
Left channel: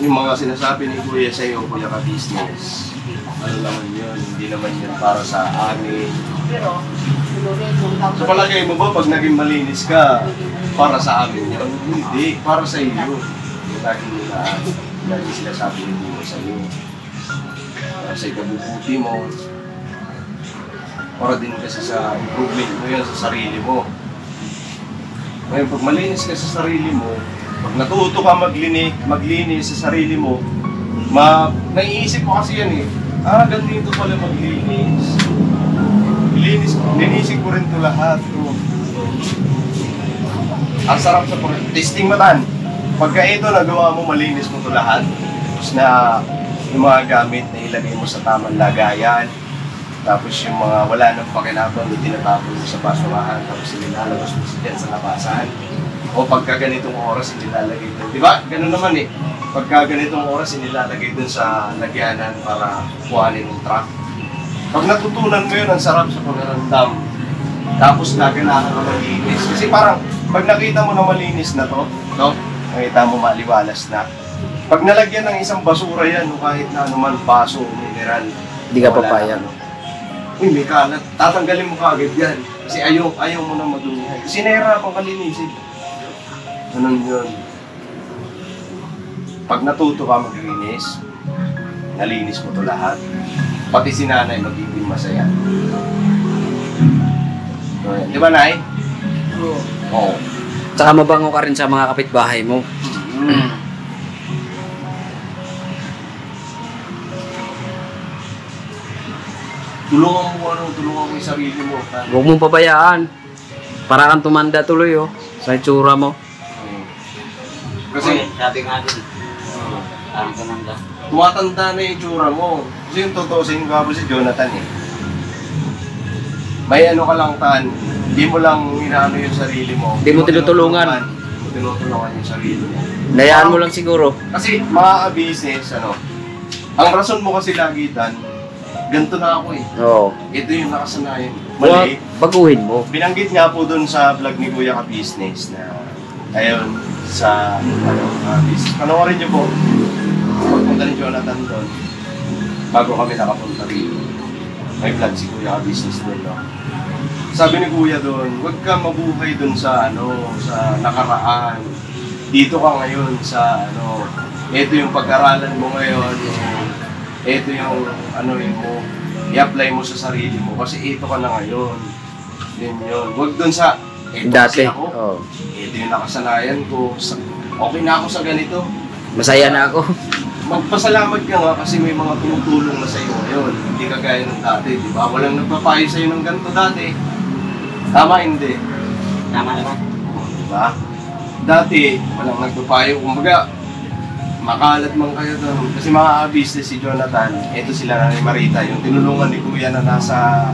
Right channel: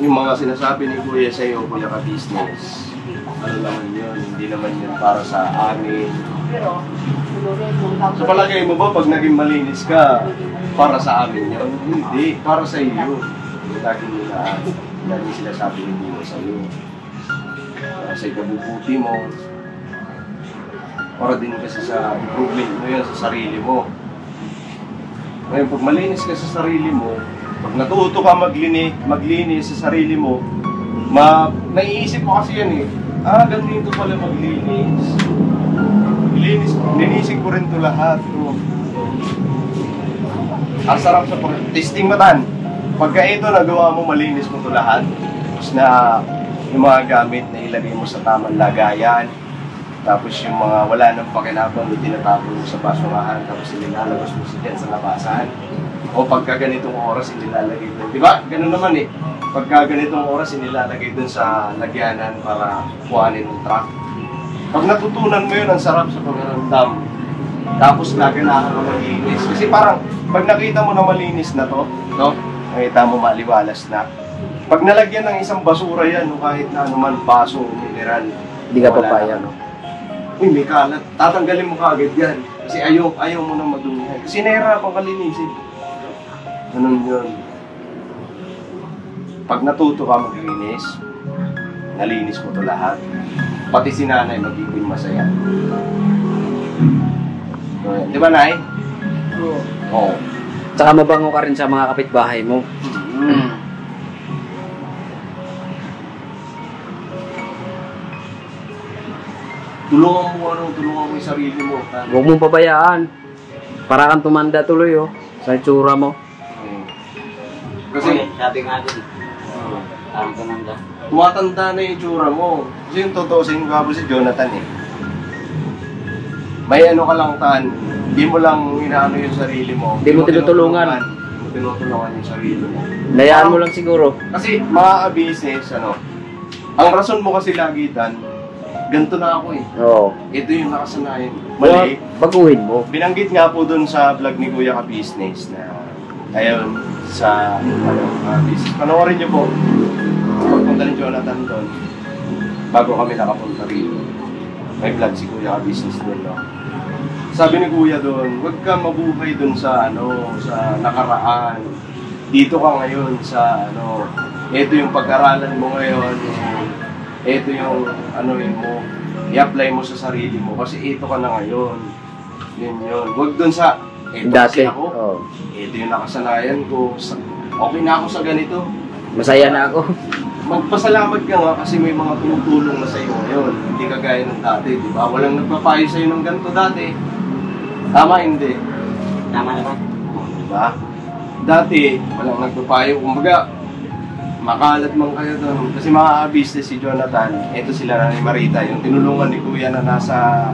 yung mga sinasabi ni Kuya sa iyo, Kuya Ka-Business, ano naman yun, hindi naman yun para sa amin. So palagay mo ba pag naging malinis ka, para sa amin yun? Hindi, para sa iyo. Lagi sila sabi hindi mo sa iyo. Para sa ikabubuti mo. Para din kasi sa improvement mo yun sa sarili mo. Ngayon, pag malinis ka sa sarili mo, pag natuto ka maglinis sa sarili mo, naiisip mo kasi yan eh, ganito pala maglinis. Linisin ko rin ito lahat. Ang sarap sa testing mo, Tan. Pagka ito nagawa mo, malinis mo ito lahat. Tapos na yung mga gamit na ilagay mo sa tamang lagayan. Tapos yung mga wala nang pakinabang, tinatapon mo sa basurahan. Tapos inilalabas mo dyan sa labasan. O pagka ganitong oras, inilalagay doon. Di ba? Ganun naman eh. Pagka ganitong oras, inilalagay doon sa lagyanan para kuhanin ng truck. Pag natutunan mo yun, ang sarap sa pagkaramdam. Tapos gaganahan ka malinis. Kasi parang, pag nakita mo na malinis na to, no? Nakita mo maliwalas na. Pag nalagyan ng isang basura yan, o kahit na anuman, baso, mineral, Hindi ka papaya, no? Uy, may kalat. Tatanggalin mo kaagad yan. Kasi ayaw mo nang madumihan. Kasi nahirapan ka linisin. Ganun yun. Pag natuto ka maglinis, nalinis mo to lahat. Pati si Nanay magiging masaya. So, di ba, Nay? Oo. Tsaka mabango ka rin sa mga kapitbahay mo. Tulungan mo yung sarili mo. Huwag mong pabayaan. Para kang tumanda tuloy, oh. Sa itsura mo. Kasi, Sabi nga din, Parang ganun lang. Tumatanda na yung itsura mo. Kasi yung totoo sa inyo, si Jonathan eh. May ano ka lang tan, hindi mo lang inaano yung sarili mo. Hindi mo tinutulungan. Hindi mo tinutulungan yung sarili mo. Layaan mo lang siguro. Kasi mga business, ang rason mo kasi lagi tan, ganito na ako eh. Oo. Ito yung nakasanayan. Mali. Baguhin mo. Binanggit nga po dun sa vlog ni Kuya Ka Business na ayun, sa business. Panoorin niyo po. Pagpunta ni Jonathan doon, bago kami nakapunta rito. May vlog si Kuya Ka Business doon, no? Sabi ni Kuya doon, huwag ka mabuhay doon sa sa nakaraan. Dito ka ngayon sa ito yung pag-aralan mo ngayon. Ito yung yun mo, i-apply mo sa sarili mo kasi ito ka na ngayon. Yun. Huwag doon sa ito Dati. kasi ako. Oo. Ito yung nakasanayan ko. Okay na ako sa ganito. Masaya na ako. Magpasalamat ka nga kasi may mga tumutulong na sa iyo ngayon. Hindi ka gaya ng dati, di ba? Walang nagpapayo sa iyo ng ganito dati. Tama, hindi. Tama naman. Di ba? Dati, walang nagpapayo. Kumbaga, makalat man kayo doon. Kasi mga business si Jonathan, ito sila na ni Marita, yung tinulungan ni Kuya na nasa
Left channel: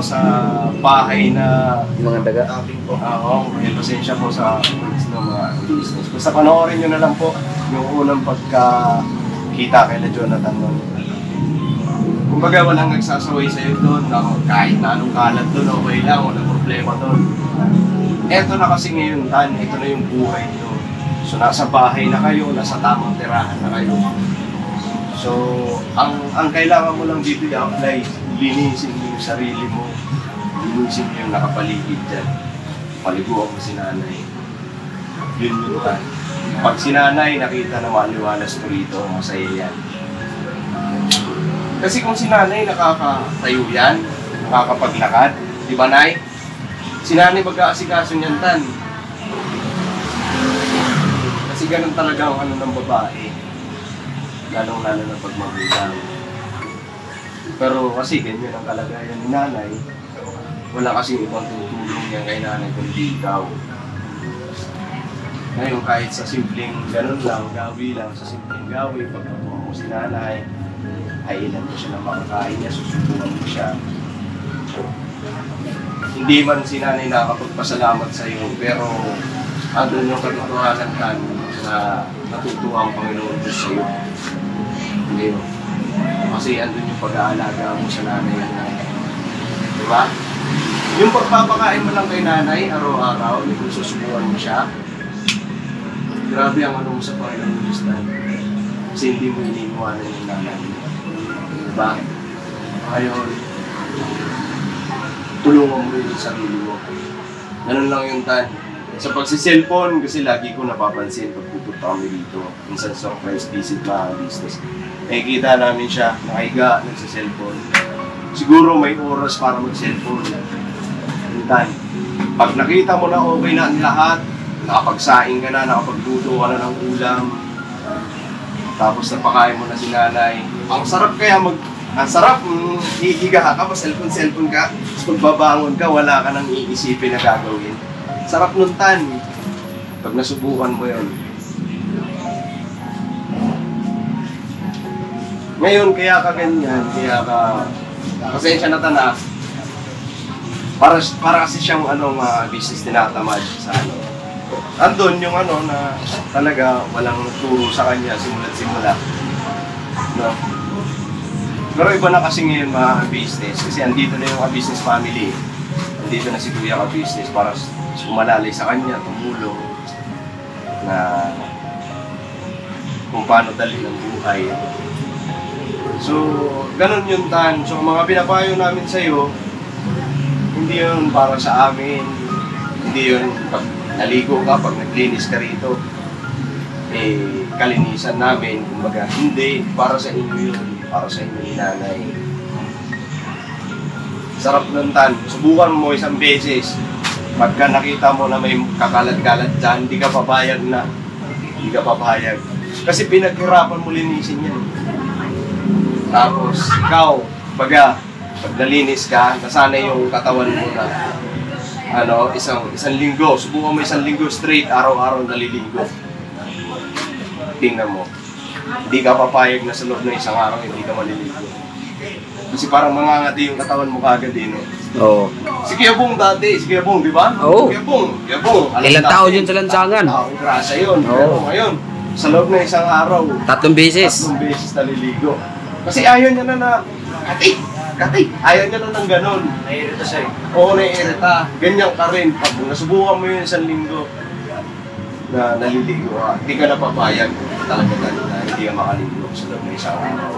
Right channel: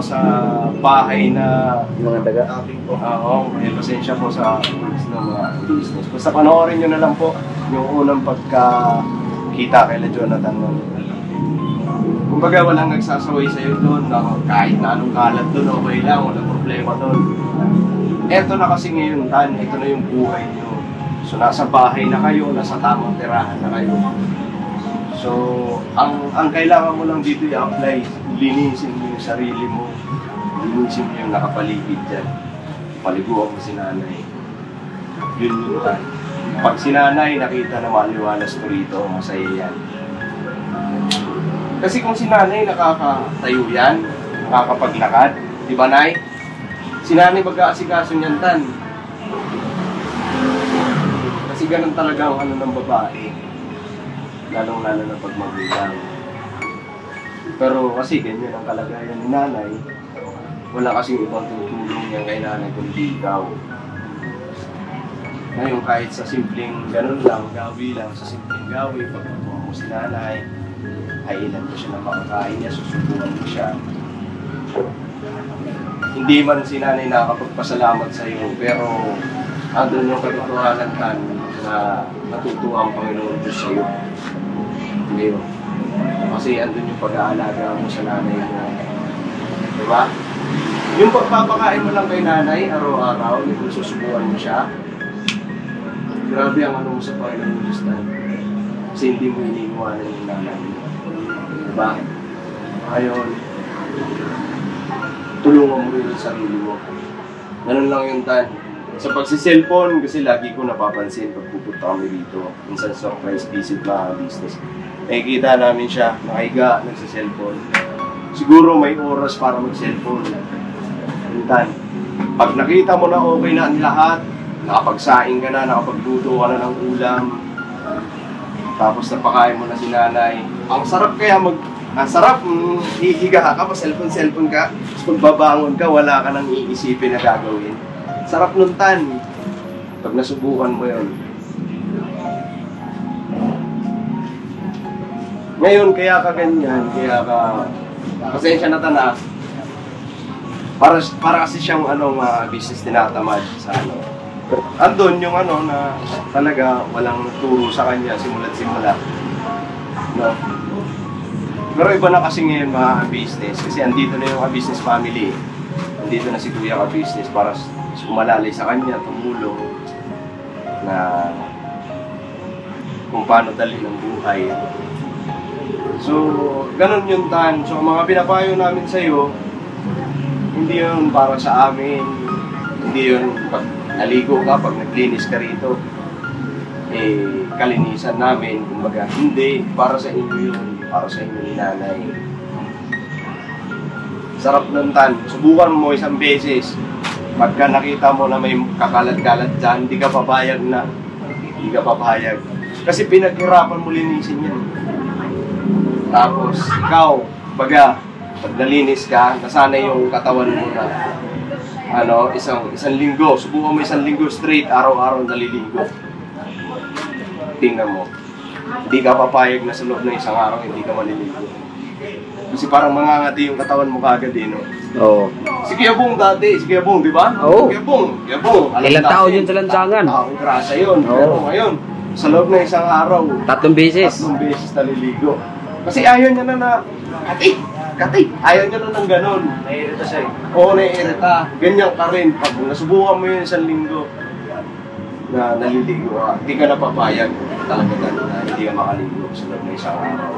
sa bahay na Yung mga daga. oo, may pasensya po sa words ng mga business. Basta panoorin nyo na lang po yung unang pagkakita kay Jonathan noon. Kumbaga walang nagsasaway sa'yo doon na kahit na anong kalat doon, okay lang, walang problema doon. Eto na kasi ngayon, ito na yung buhay nyo. So nasa bahay na kayo, nasa tamang tirahan na kayo. So, ang kailangan mo lang dito i-apply, linisin mo yung sarili mo, linisin mo yung nakapaligid dyan. Paliguan mo si nanay. Yun yan. Pag si nanay nakita na maliwalas ko rito, masaya yan. Kasi kung si nanay nakakatayo yan, nakakapaglakad, di ba nay? Si nanay mag-aasikaso niyan tan. Kasi ganun talaga ang ng babae. Lalong-lalo na pag magulang. Pero kasi ganyan ang kalagayan ni nanay, wala kasing ibang tutulong yan kay nanay kundi ikaw. Ngayon kahit sa simpleng ganun lang, gawi lang, sa simpleng gawi, pagpatuwa mo si nanay, hainan mo siya ng makakain niya, susubukan mo siya. Hindi man si nanay nakakapagpasalamat sa iyo, pero andun yung katotohanan tan na natutuwa ang Panginoon Diyos sa iyo. Hindi yun. Kasi andun yung pag-aalaga mo sa nanay mo. Diba? Yung pagpapakain mo lang kay nanay, araw-araw, yung susubukan mo siya, grabe ang mo sa Panginoon Diyos na. Kasi hindi mo iniiwanan yung nanay mo. Diba? Ngayon, tulungan mo rin yung sarili mo. Ganun lang yung tan. Sa pagsiselfon, kasi lagi ko napapansin pag pupunta kami dito, minsan surprise visit mga business. Nakikita namin siya, nakahiga, nagsiselfon. Siguro may oras para mag-cellphone. Tan, pag nakita mo na okay na ang lahat, nakapagsaing ka na, nakapagluto ka na ng ulam, tapos napakain mo na si nanay, ang sarap kaya hihiga ka pa, cellphone ka, tapos pagbabangon ka, wala ka nang iisipin na gagawin. Sarap nun tan, pag nasubukan mo yun. Ngayon, kaya ka ganyan, pasensya na tanas, para kasi siyang business tinatamad sa andun yung na talaga walang turo sa kanya simula't simula. No? Pero iba na kasi ngayon mga business, kasi andito na yung business family. Andito na si Kuya Ka Business para umalalay sa kanya, tumulong na kung paano dalhin ang buhay. So, ganun yung tan. So, mga pinapayo namin sa'yo, hindi yun para sa amin, hindi yun pag naligo ka, pag naglinis ka rito, kalinisan namin, kumbaga, hindi, para sa inyo yun, para sa inyo ni nanay. Sarap nun tan, subukan mo isang beses, pagka nakita mo na may kakalat-kalat dyan, hindi ka papayag na, hindi ka papayag. Kasi pinaghirapan mo linisin yan. Tapos, ikaw, pag nalinis ka, nasanay yung katawan mo na isang linggo, subukan mo isang linggo straight, araw-araw naliligo. tingnan mo, hindi ka papayag na sa loob ng isang araw hindi ka maliligo. Kasi parang mangangati yung katawan mo kagad eh, no? Oo. Si Kuya Bong dati, si Kuya Bong, di ba? Oo. Kuya Bong. Ilang taon yun sa lansangan? Taong grasa yun. Oo. Pero ngayon, sa loob ng isang araw, 3 beses. 3 beses naliligo. Kasi ayaw niya na kati. Ayaw niya na ng ganun. Naiirita siya eh. Oo, naiirita. Ganyan ka rin. Pag nasubukan mo yun isang linggo na naliligo ka, hindi ka napapayag talaga na hindi ka makaligo sa loob ng isang araw.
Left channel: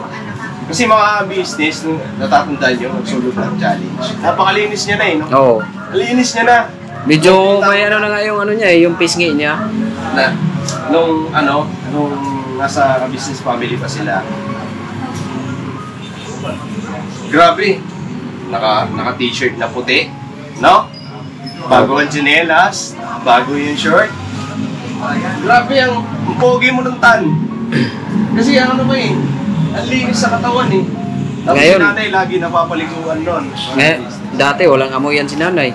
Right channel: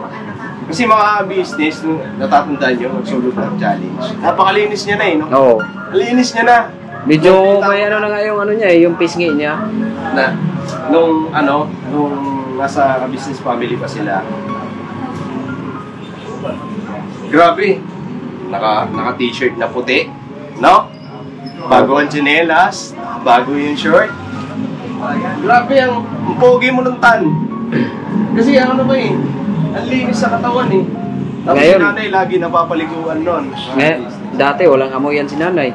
Kasi mga business, natatandaan nyo, nagsulot ng challenge. Napakalinis niya na eh, no? Oo. Linis niya na. Medyo may ano na nga yung ano niya, yung pisngi niya. Na, nung nasa business family pa sila. Grabe. Naka-t-shirt na puti, no? Bago ang tsinelas, bago yung short. Grabe ang pogi mo ng tan. Kasi ano ba eh, ang linis sa katawan eh. Tapos Ngayon, si nanay lagi napapaliguan nun. Dati walang amoy yan si nanay.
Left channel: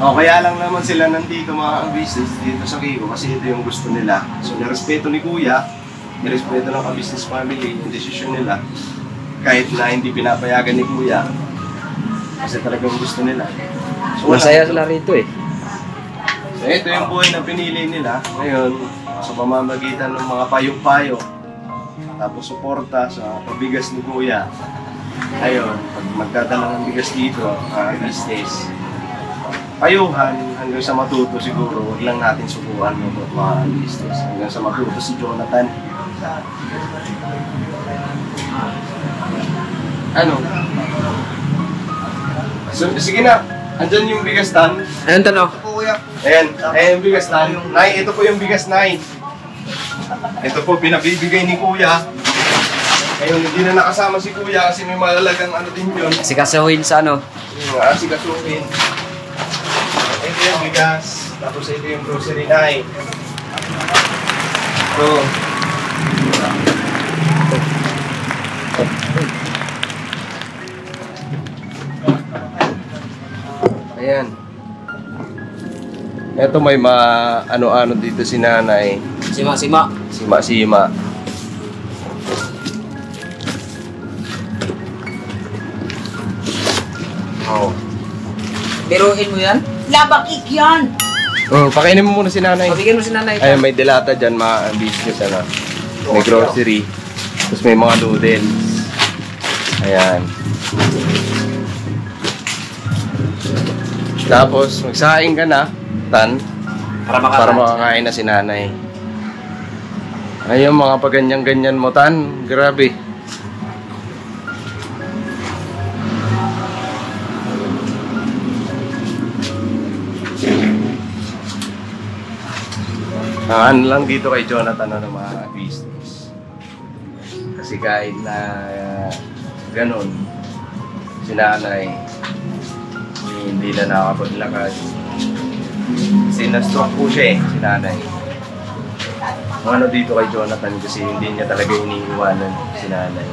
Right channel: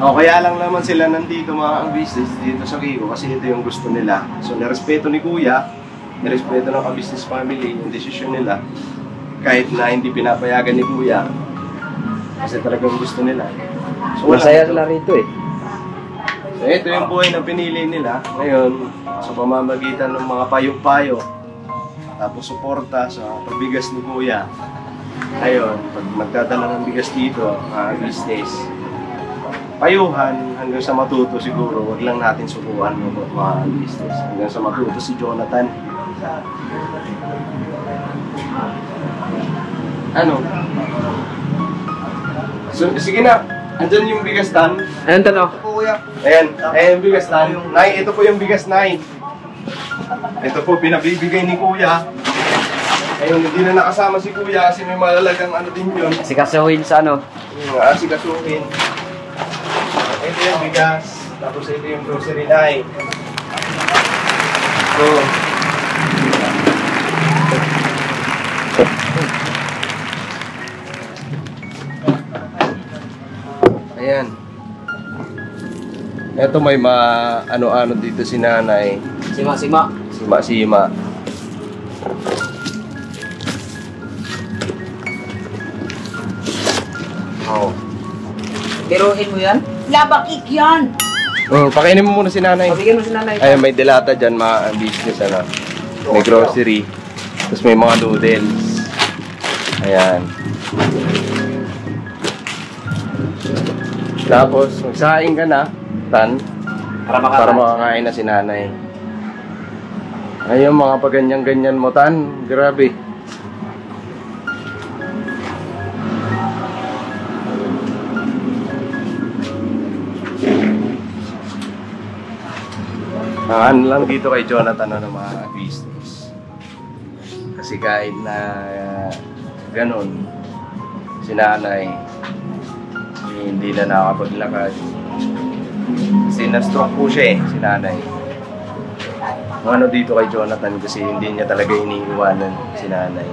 O, kaya lang naman sila nandito mga business dito sa Kiko kasi ito yung gusto nila. So, nirespeto ni Kuya, nirespeto ng ka-business family yung desisyon nila. Kahit na hindi pinapayagan ni Kuya, kasi talagang gusto nila. So, Masaya sila rito eh. So, ito yung buhay na pinili nila. Ngayon, sa pamamagitan ng mga payo-payo, tapos suporta sa pagbigas ni Kuya. Ayun, pag magdadala ng bigas dito, business, payuhan hanggang sa matuto siguro, wag lang natin subukan yung mga business. Hanggang sa matuto si Jonathan. Ano? So, sige na, andyan yung bigas tan. Ayun tanong. Ayan yung bigas tan. Nay, ito po yung bigas, Nay. Ito po, pinabibigay ni Kuya. Ngayon, hindi na nakasama si Kuya kasi may malalagang ano din yun. Sikasuhin sa ano. Yung asikasuhin. Ito yung bigas. Tapos ito yung grocery, Nay. So, ayan. Ito may ano-ano dito si nanay. Sima-sima. Sima-sima. Oh. Biruin mo yan? Labakik yan! Pakainin mo muna si nanay. Pabigyan mo si nanay. Ayan, may delata dyan, mga business, ano. May grocery. Tapos may mga noodles. Ayan. Tapos, magsaing ka na, Tan, para makakain na si nanay. Ayun, mga paganyan-ganyan mo, Tan. Grabe. Ano lang dito kay Jonathan ng mga business. Kasi kahit na ganun, si nanay, hindi na nakapaglakad. Kasi na-stroke po siya si nanay. Ano dito kay Jonathan kasi hindi niya talaga iniiwanan si nanay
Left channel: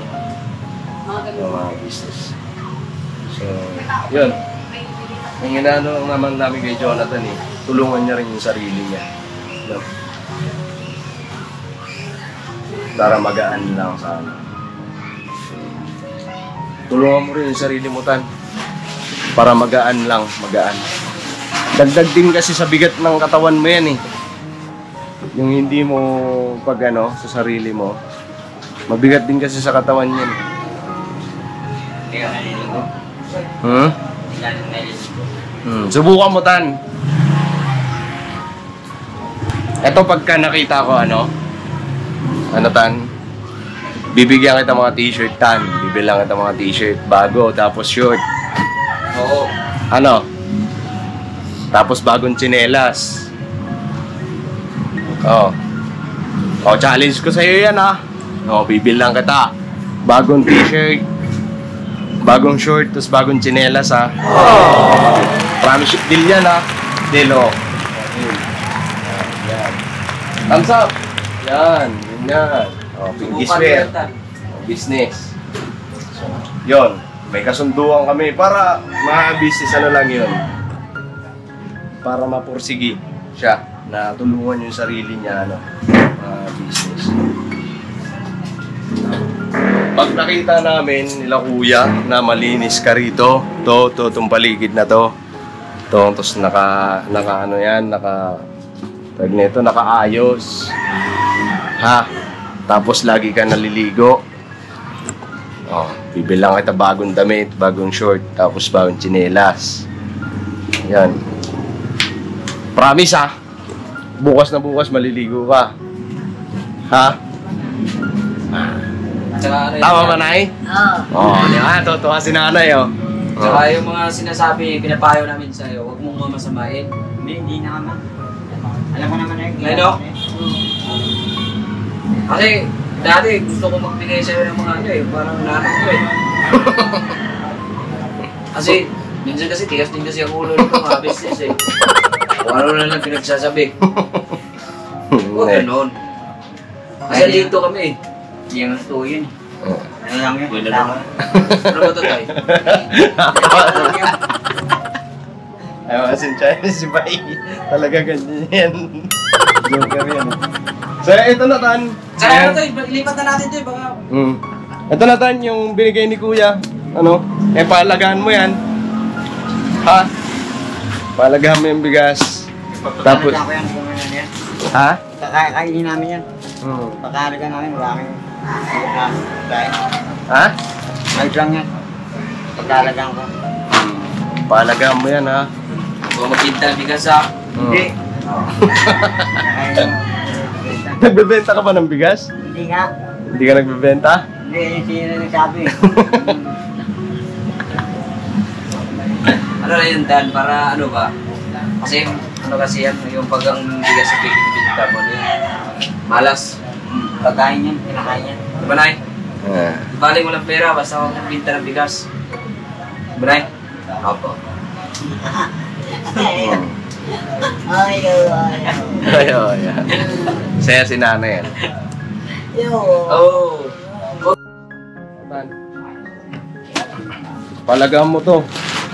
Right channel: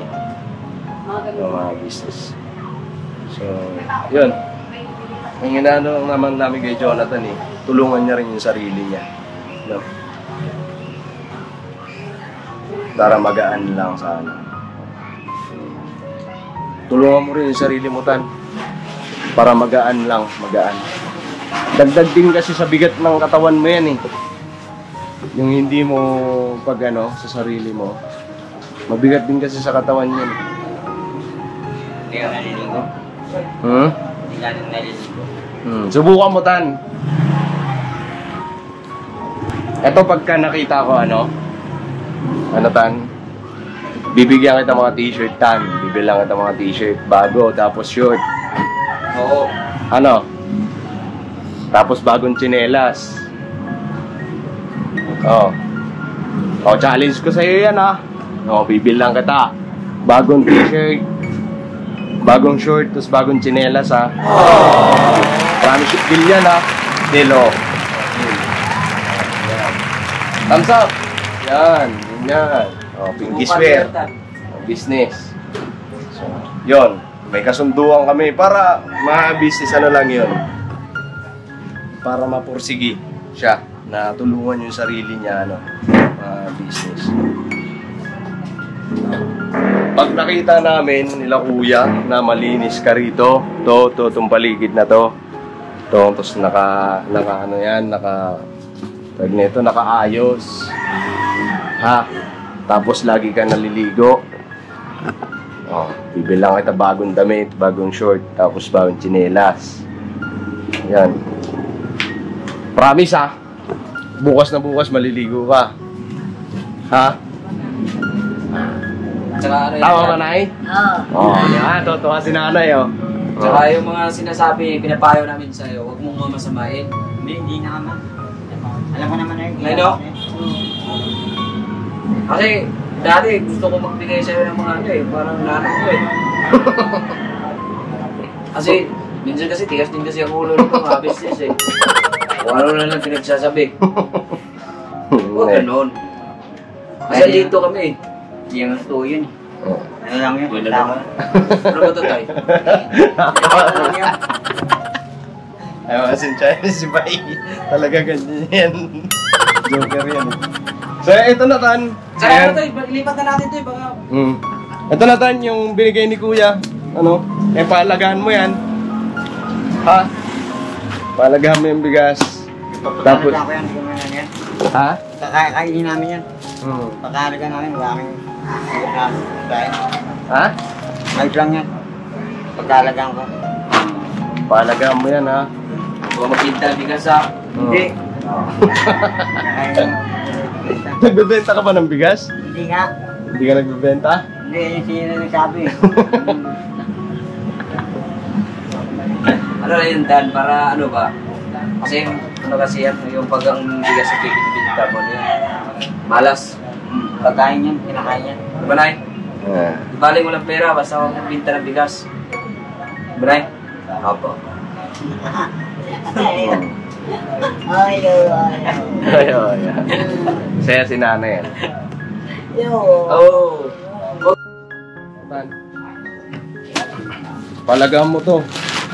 ng mga business. So, yun. Ang inaano naman namin kay Jonathan tulungan niya rin yung sarili niya. No? Para magaan lang sana. Tulungan mo rin yung sarili mo, Tan. Para magaan lang, magaan. Dagdag din kasi sa bigat ng katawan mo yan Yung hindi mo pag sa sarili mo, mabigat din kasi sa katawan yan. Hindi ka naliligo. Hindi ka naliligo. Subukan mo, Tan. Ito pagka nakita ko Tan, bibigyan kita mga t-shirt, Tan. Bibilang kita mga t-shirt, bago, tapos short. Oo. Tapos bagong tsinelas. Challenge ko sa'yo yan, bibilang kita. Bagong t-shirt, bagong short, tapos bagong tsinelas, Promise you, deal yan, Deal, Yan. Thumbs up! Yan, yan. Pinky swear. Business. So, yun. May kasunduan kami para ma-business lang yun. Para mapursigi siya na tulungan yung sarili niya business. Pag nakita namin nila kuya na malinis ka rito, itong paligid na to, tapos nakaayos. Ha? Tapos lagi ka naliligo. Oh, bibilang kita bagong damit, bagong short, tapos bagong tsinelas. Yan. Promise ha? Bukas na bukas maliligo ka. Ha? Tsaka ano Tama yan, ba, Nay? Oo. Oo, yan. Totoo si nanay, oh. Tsaka yung mga sinasabi, pinapayo namin sa'yo, huwag mong masamain. Hindi na naman. Alam mo naman na yung Ay, Dok? Kasi dati gusto ko magbigay sa'yo ng mga ano eh, parang nanak ko eh. Kasi minsan kasi tigas din kasi ang ulo nito mga business eh. Kung ano na lang pinagsasabi. Huwag ganun. Kasi dito kami eh. Hindi yung gusto yun. Ano lang yun? Yun na Tama. Ano ba ito tayo? Ay, masensya si Bay. Talaga ganyan yan. Joker yan. So, ito na, Tan. Tsaka ano to, ilipat na natin to eh, baka... Ito na, Tan, yung binigay ni Kuya. Ano? Paalagaan mo yan. Ha? Paalagaan mo yung bigas. Tapos... Papagalaga ko yan kung ano yan. Ha? Kakainin namin yan. Pagkalaga namin, maraming dahil. Ha? Ayos lang yan. Pagkalagaan ko. Paalagaan mo yan, ha? Huwag magpinta ng bigas ha. Hindi. Nagbebenta ka ba ng bigas? Hindi nga. Hindi ka nagbebenta? Hindi, yung sino nagsabi. Ano na yun, Dan? Para ano ba? Kasi ano kasi yan, yung pag ang bigas sa pipinta mo, ano yan? Malas. Pagkain yan, pinakain yan. Diba, Nay? Yeah. Ibalik mo lang pera, basta huwag magbinta ng bigas. Diba, Nay? Opo. Ayun, yan. Saya si nanay yan. Oh. Palagahan mo to.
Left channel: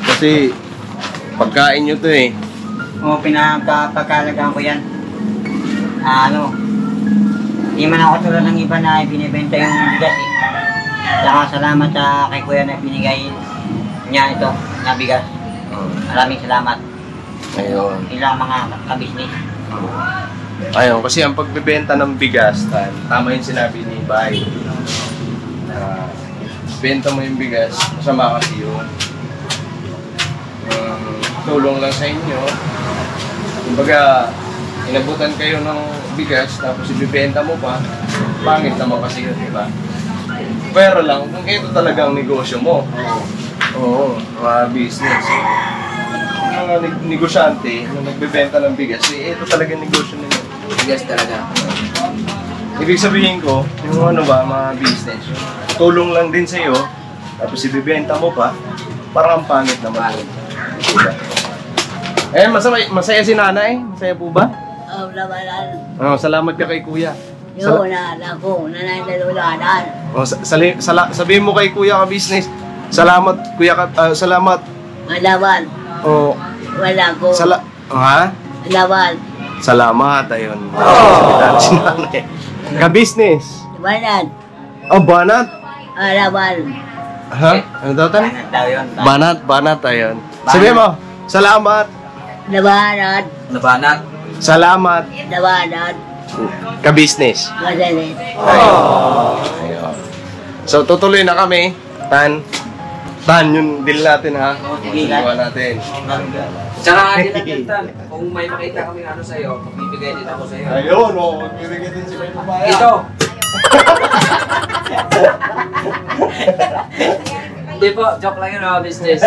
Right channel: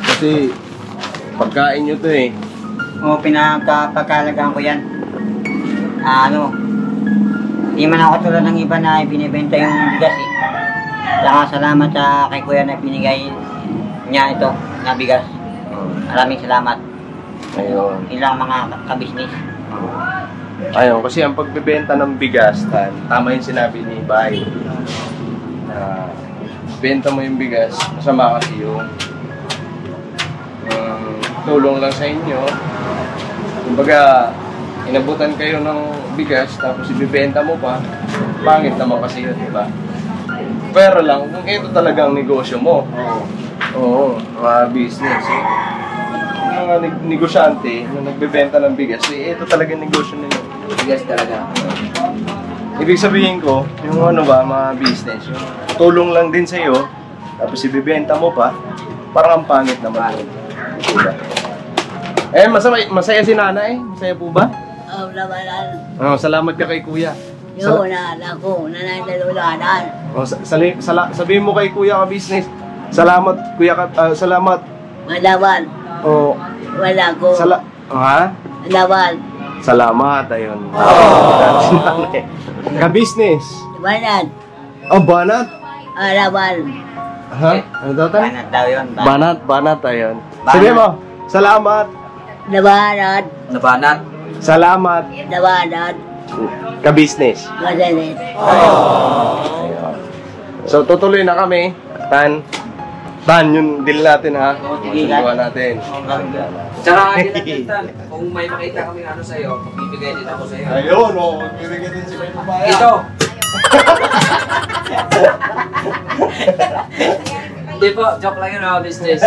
Kasi pagkain nyo to eh. O, pagkalagaan ko yan. Hindi man ako tulad ng iba na binibenta yung bigas eh. Saka salamat kay Kuya na binigay niya ito, na bigas. Maraming salamat. Ayun. Ilang mga kabisnes. Ayun, kasi ang pagbebenta ng bigas, tama yung sinabi ni Bay. Benta mo yung bigas, masama kasi yung tulong lang sa inyo. Kumbaga, inabutan kayo ng bigas, tapos ibibenta mo pa, pangit naman kasi yun, di ba? Pero lang, kung ito talagang negosyo mo, oo, mga business. Yung mga negosyante na nagbebenta ng bigas, ito talagang negosyo nila. Bigas talaga. Ibig sabihin ko, yung ano ba, mga business, yung tulong lang din sa'yo, tapos ibibenta mo pa, parang ang pangit naman. Diba? Eh, masaya si nanay? Masaya po ba? Oh, labanan. Oh, salamat ka kay kuya. Yun na, ako, nananalulanan. Oh, sabihin mo kay kuya ka business. Salamat kuya ka, salamat. Malawan. Oh, Wala ko. ha? Malawan. Salamat, ayun. Si nanay. Ka business. Banat. Oh, banat. Alawan. Ha? Ano daw tan? Banat daw yun. Banat, ayun. Sabihin mo, salamat. Labanat. Nabanat. Salamat. Labanat. Ka-business. Masalit. Ayun. So, tutuloy na kami. Tan, yung deal natin ha. Sige, Susubukan natin. Tsaka hindi na kung may makita kami ano sa'yo, magbibigay din ako sa'yo. Ayun, o. Magbibigay din si May Papaya. Ito! Hindi po, joke lang yun mga business.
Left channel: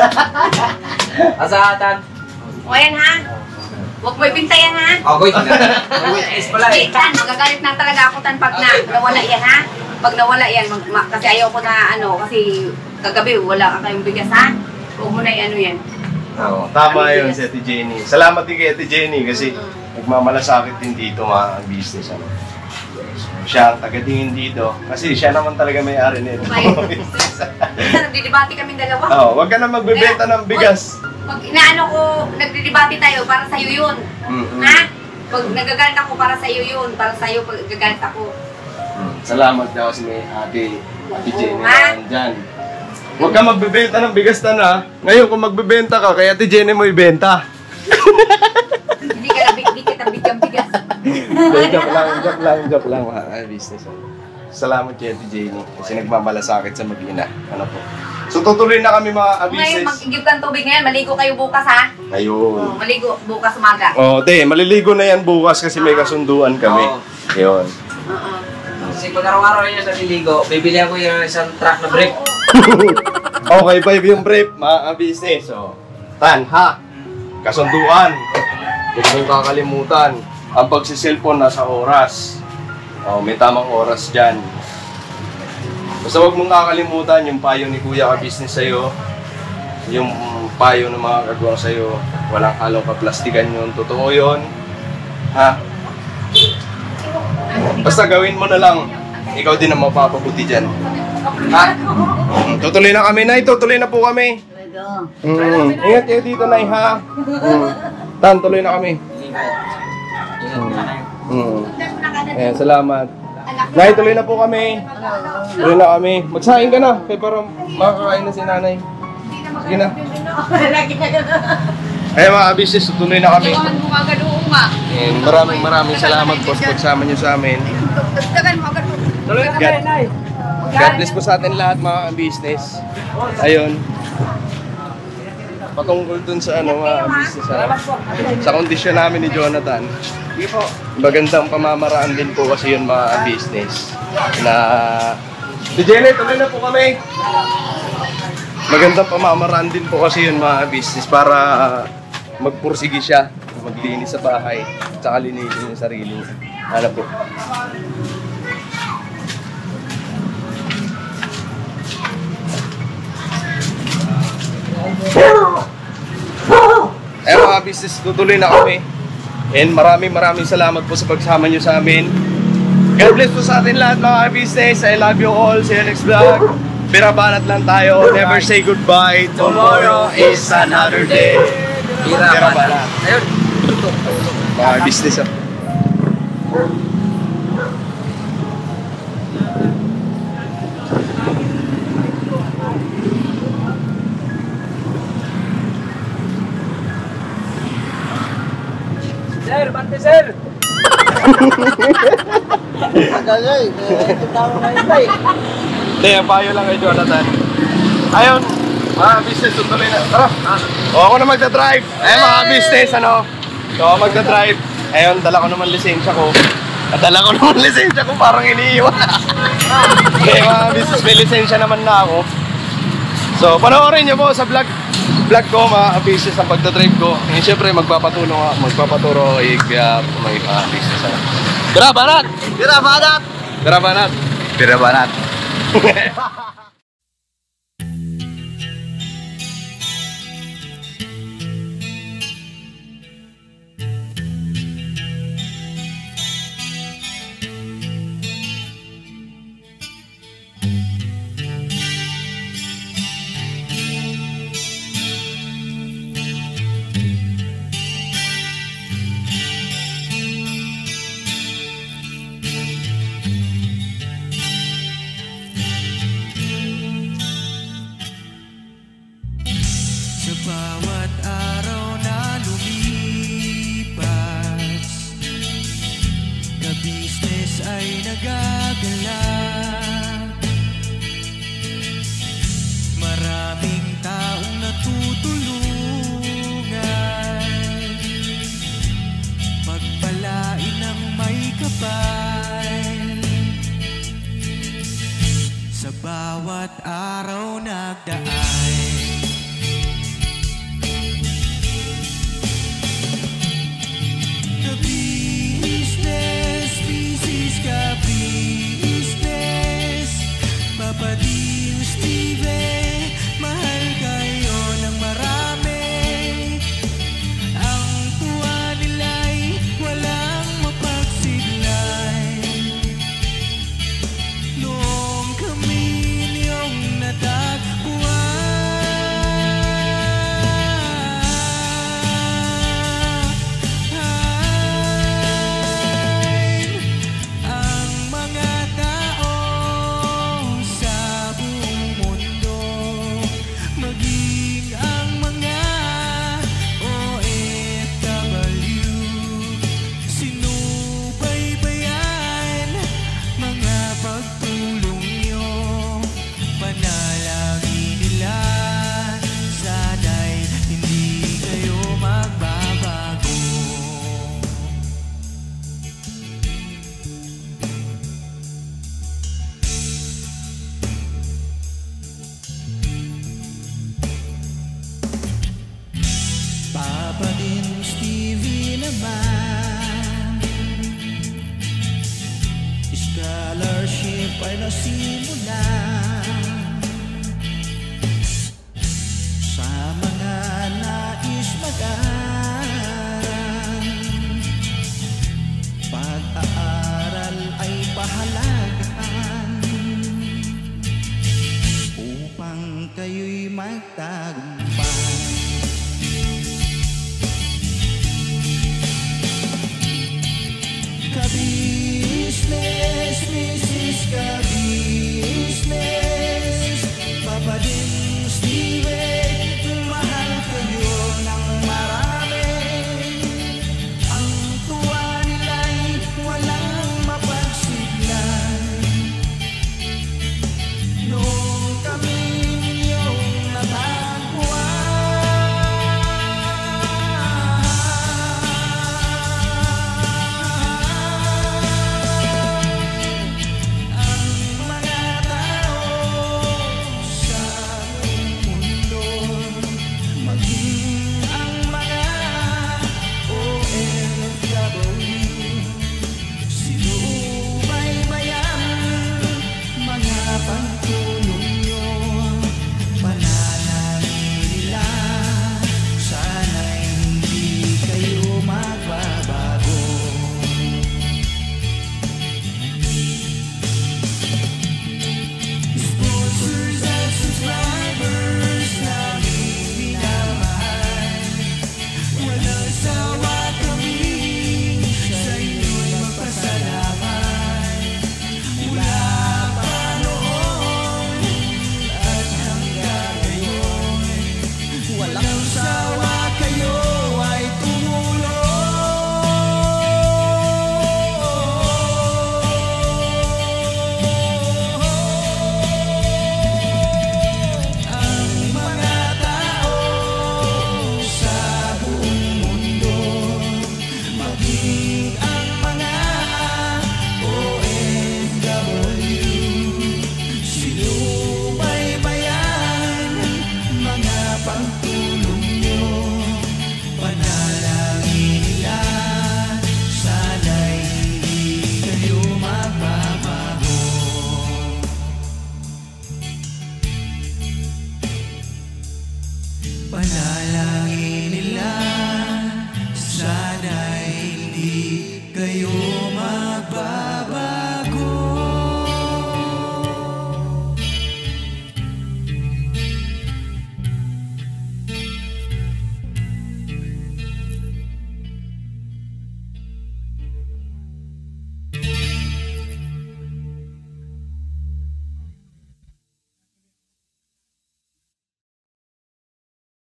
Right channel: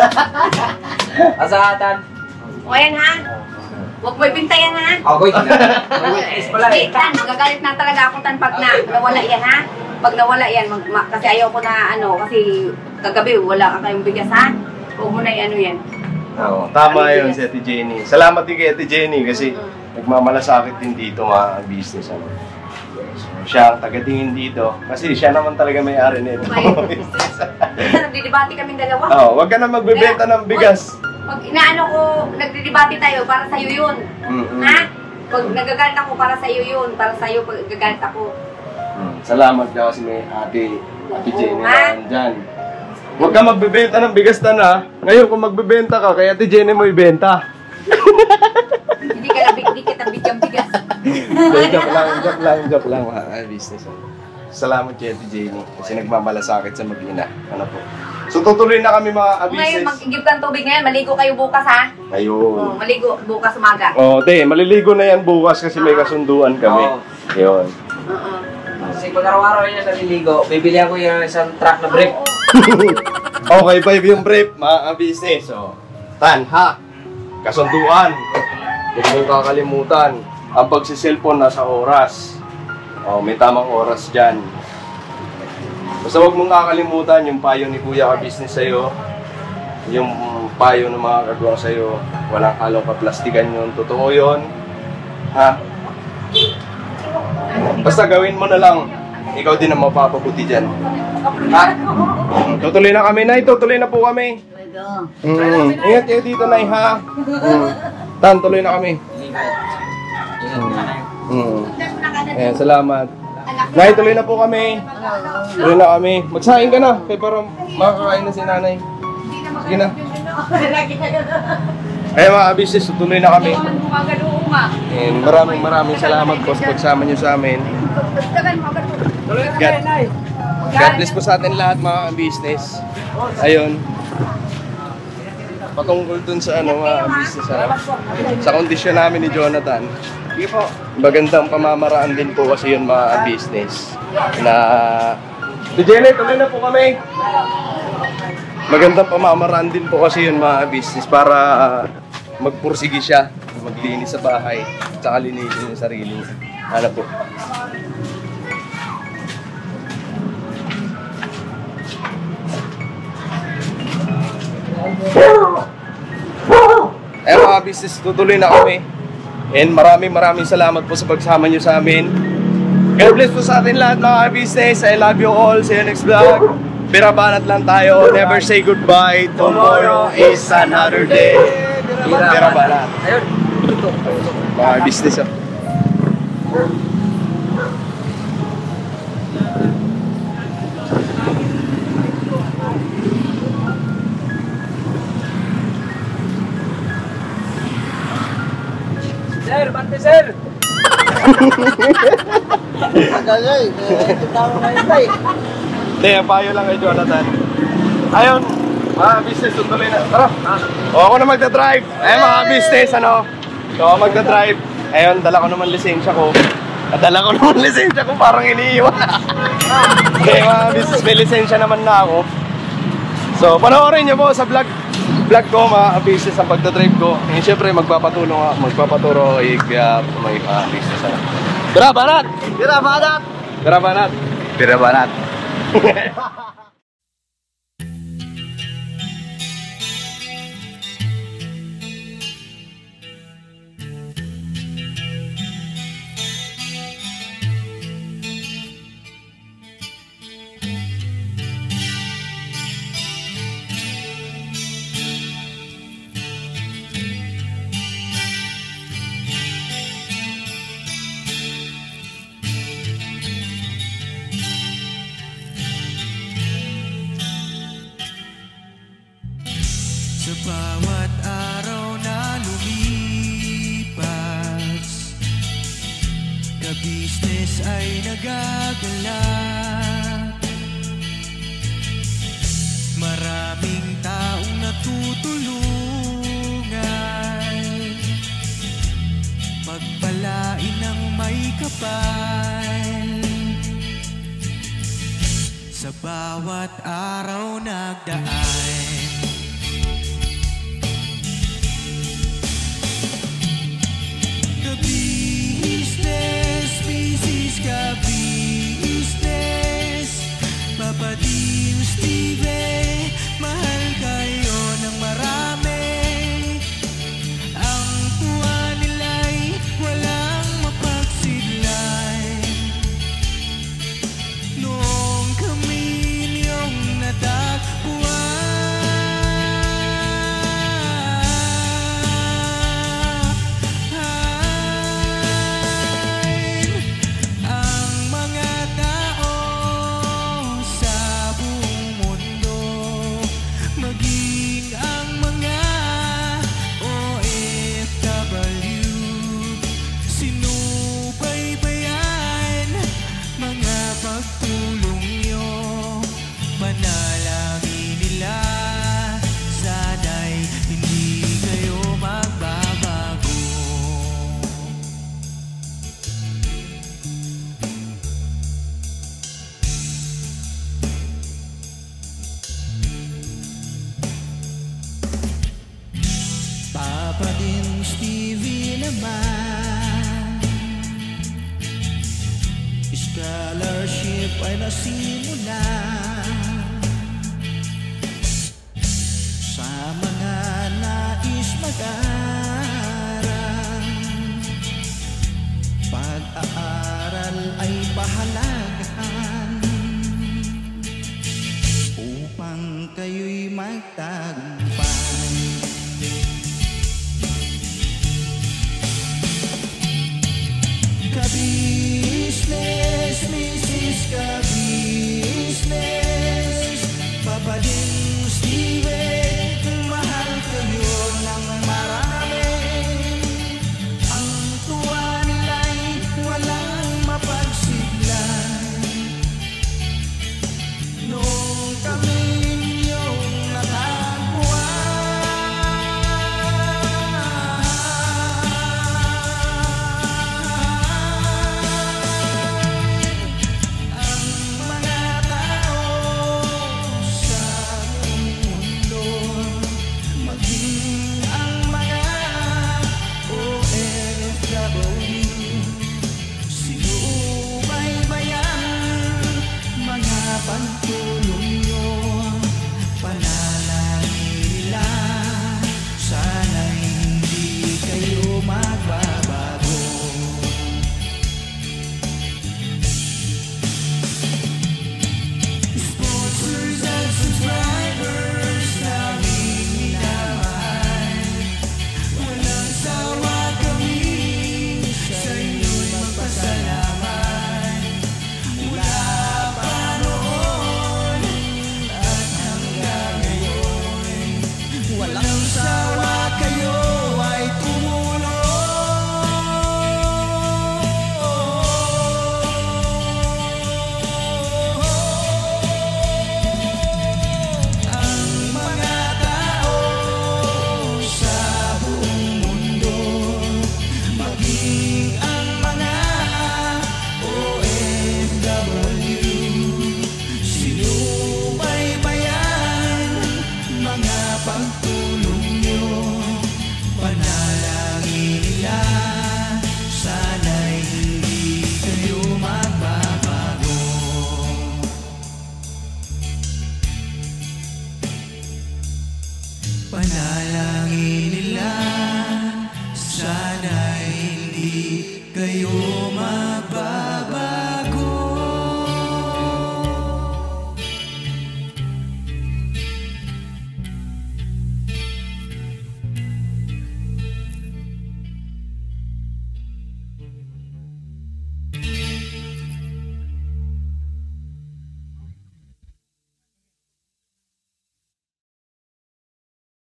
Asahatan. O yan ha. Huwag mo ibintayan ha. Agoy! Witness pala eh. Tan, magagalit na talaga ako tan pag nawala yan ha. Pag nawala yan, kasi ayaw ko na kasi kagabi wala ka kayong bigas ha. Huwag mo na ano yan. Oo, tama yun si Ate Jenny. Salamat din kay Ate Jenny kasi nagmamalasakit din dito mga business. Ano. Siya ang taga-tingin dito kasi siya naman talaga may-ari nito. Nagdidebate kaming dalawa. Oo, wag ka na magbebenta ng bigas. Pag inaano ko, nagdidebate tayo para sa'yo yun. Mm-mm. Ha? Pag nagagalit ako, para sa'yo yun. Para sa'yo, pag nagagalit ako. Salamat daw kasi may ate Jenny ha? na dyan. Huwag ka magbebenta ng bigas na. Ngayon kung magbebenta ka, kaya ate Jenny mo ibenta. Hindi kita bigyang-bigas. Joke lang mga business. Salamat kay ate Jenny kasi nagmamalasakit sa mag-ina. Ano po? So tutuloy na kami mga Ngayon, business. mag-igib ng tubig ngayon. Maligo kayo bukas, ha? Ayun. Maligo bukas umaga. Te, maliligo na yan bukas kasi may kasunduan kami. Yun. Kasi pag araw-araw niya naliligo, bibili ako yung isang truck na brief. Okay, 5 yung brief, mga business. So, ha? Kasunduan. Huwag mong kakalimutan. Ang pagsiselfon nasa oras. May tamang oras dyan. Basta huwag mong kakalimutan yung payo ni Kuya ka-business sa'yo. Yung payo ng mga kagawang sa'yo. Walang halong kaplastikan yun. Totoo yun. Ha? Basta gawin mo na lang. Ikaw din ang mapapabuti dyan. Ha? Tutuloy na kami, Nay. Tutuloy na po kami. Ingat kayo dito, Nay, ha? Tan, tuloy na kami. Ayan, salamat. Nay, tuloy na po kami. Tuloy na kami. Magsaing ka na. Kaya para makakain na si Nanay. Sige na. Ayan mga business, tuloy na kami. And maraming salamat po sa pagsama niyo sa amin. God bless po sa atin lahat mga business. Ayun. Patungkol dun sa mga business sa kondisyon namin ni Jonathan. Magandang pamamaraan din po kasi yun mga business. Na Jenny, tuloy na po kami. Magandang pamamaraan din po kasi yun mga business para magpursige siya, maglinis sa bahay, tsaka linisin yung sarili niya. Ano po? Mga business, tutuloy na kami. And maraming salamat po sa pagsama nyo sa amin. God bless po sa atin lahat mga business. I love you all. See you next vlog. Birabanat lang tayo. Never say goodbye. Tomorrow is another day. Birabanat. Ayun. Mga business. Sir, bante sir! Hindi, ang payo lang kay Jonathan. Ayun, mga business, tutuloy na. Tara! Ako na magdadrive. Ayun mga business, So ako magdadrive. Ayun, dala ko naman lisensya ko. Parang iniiwan na. Hindi, mga business, may lisensya naman na ako. So, panoorin nyo po sa vlog ko mga business ang pagdadrive ko. And syempre magpapaturo ako kaya may mga business na. Birabanat! Sa bawat araw na lumipas, ka-business ay nagagalak. Maraming taong natutulungan, pagpalain ng may kapal. Sa bawat araw nagdaan, ka-business, business ka-business, Papa Dio, Steve, mahal kayo ng marami. Ang tuwa nila'y walang mapagsidlan. Noong kami niyong natagpuan, naman. Scholarship ay nasimula sa mga nais mag-aral. Pag-aaral ay pahalagahan upang kayo'y magtagumpay. Ka-business, Mrs. Ka-business, Papa din Steve, mahal kayo ng marami. Ang tuwa nila'y walang mapagsiglay. Nung kami ninyong natagpuan, ang mga tao sa mundo, maging ang mga OFW, sinubaybayan mga pagtuloy.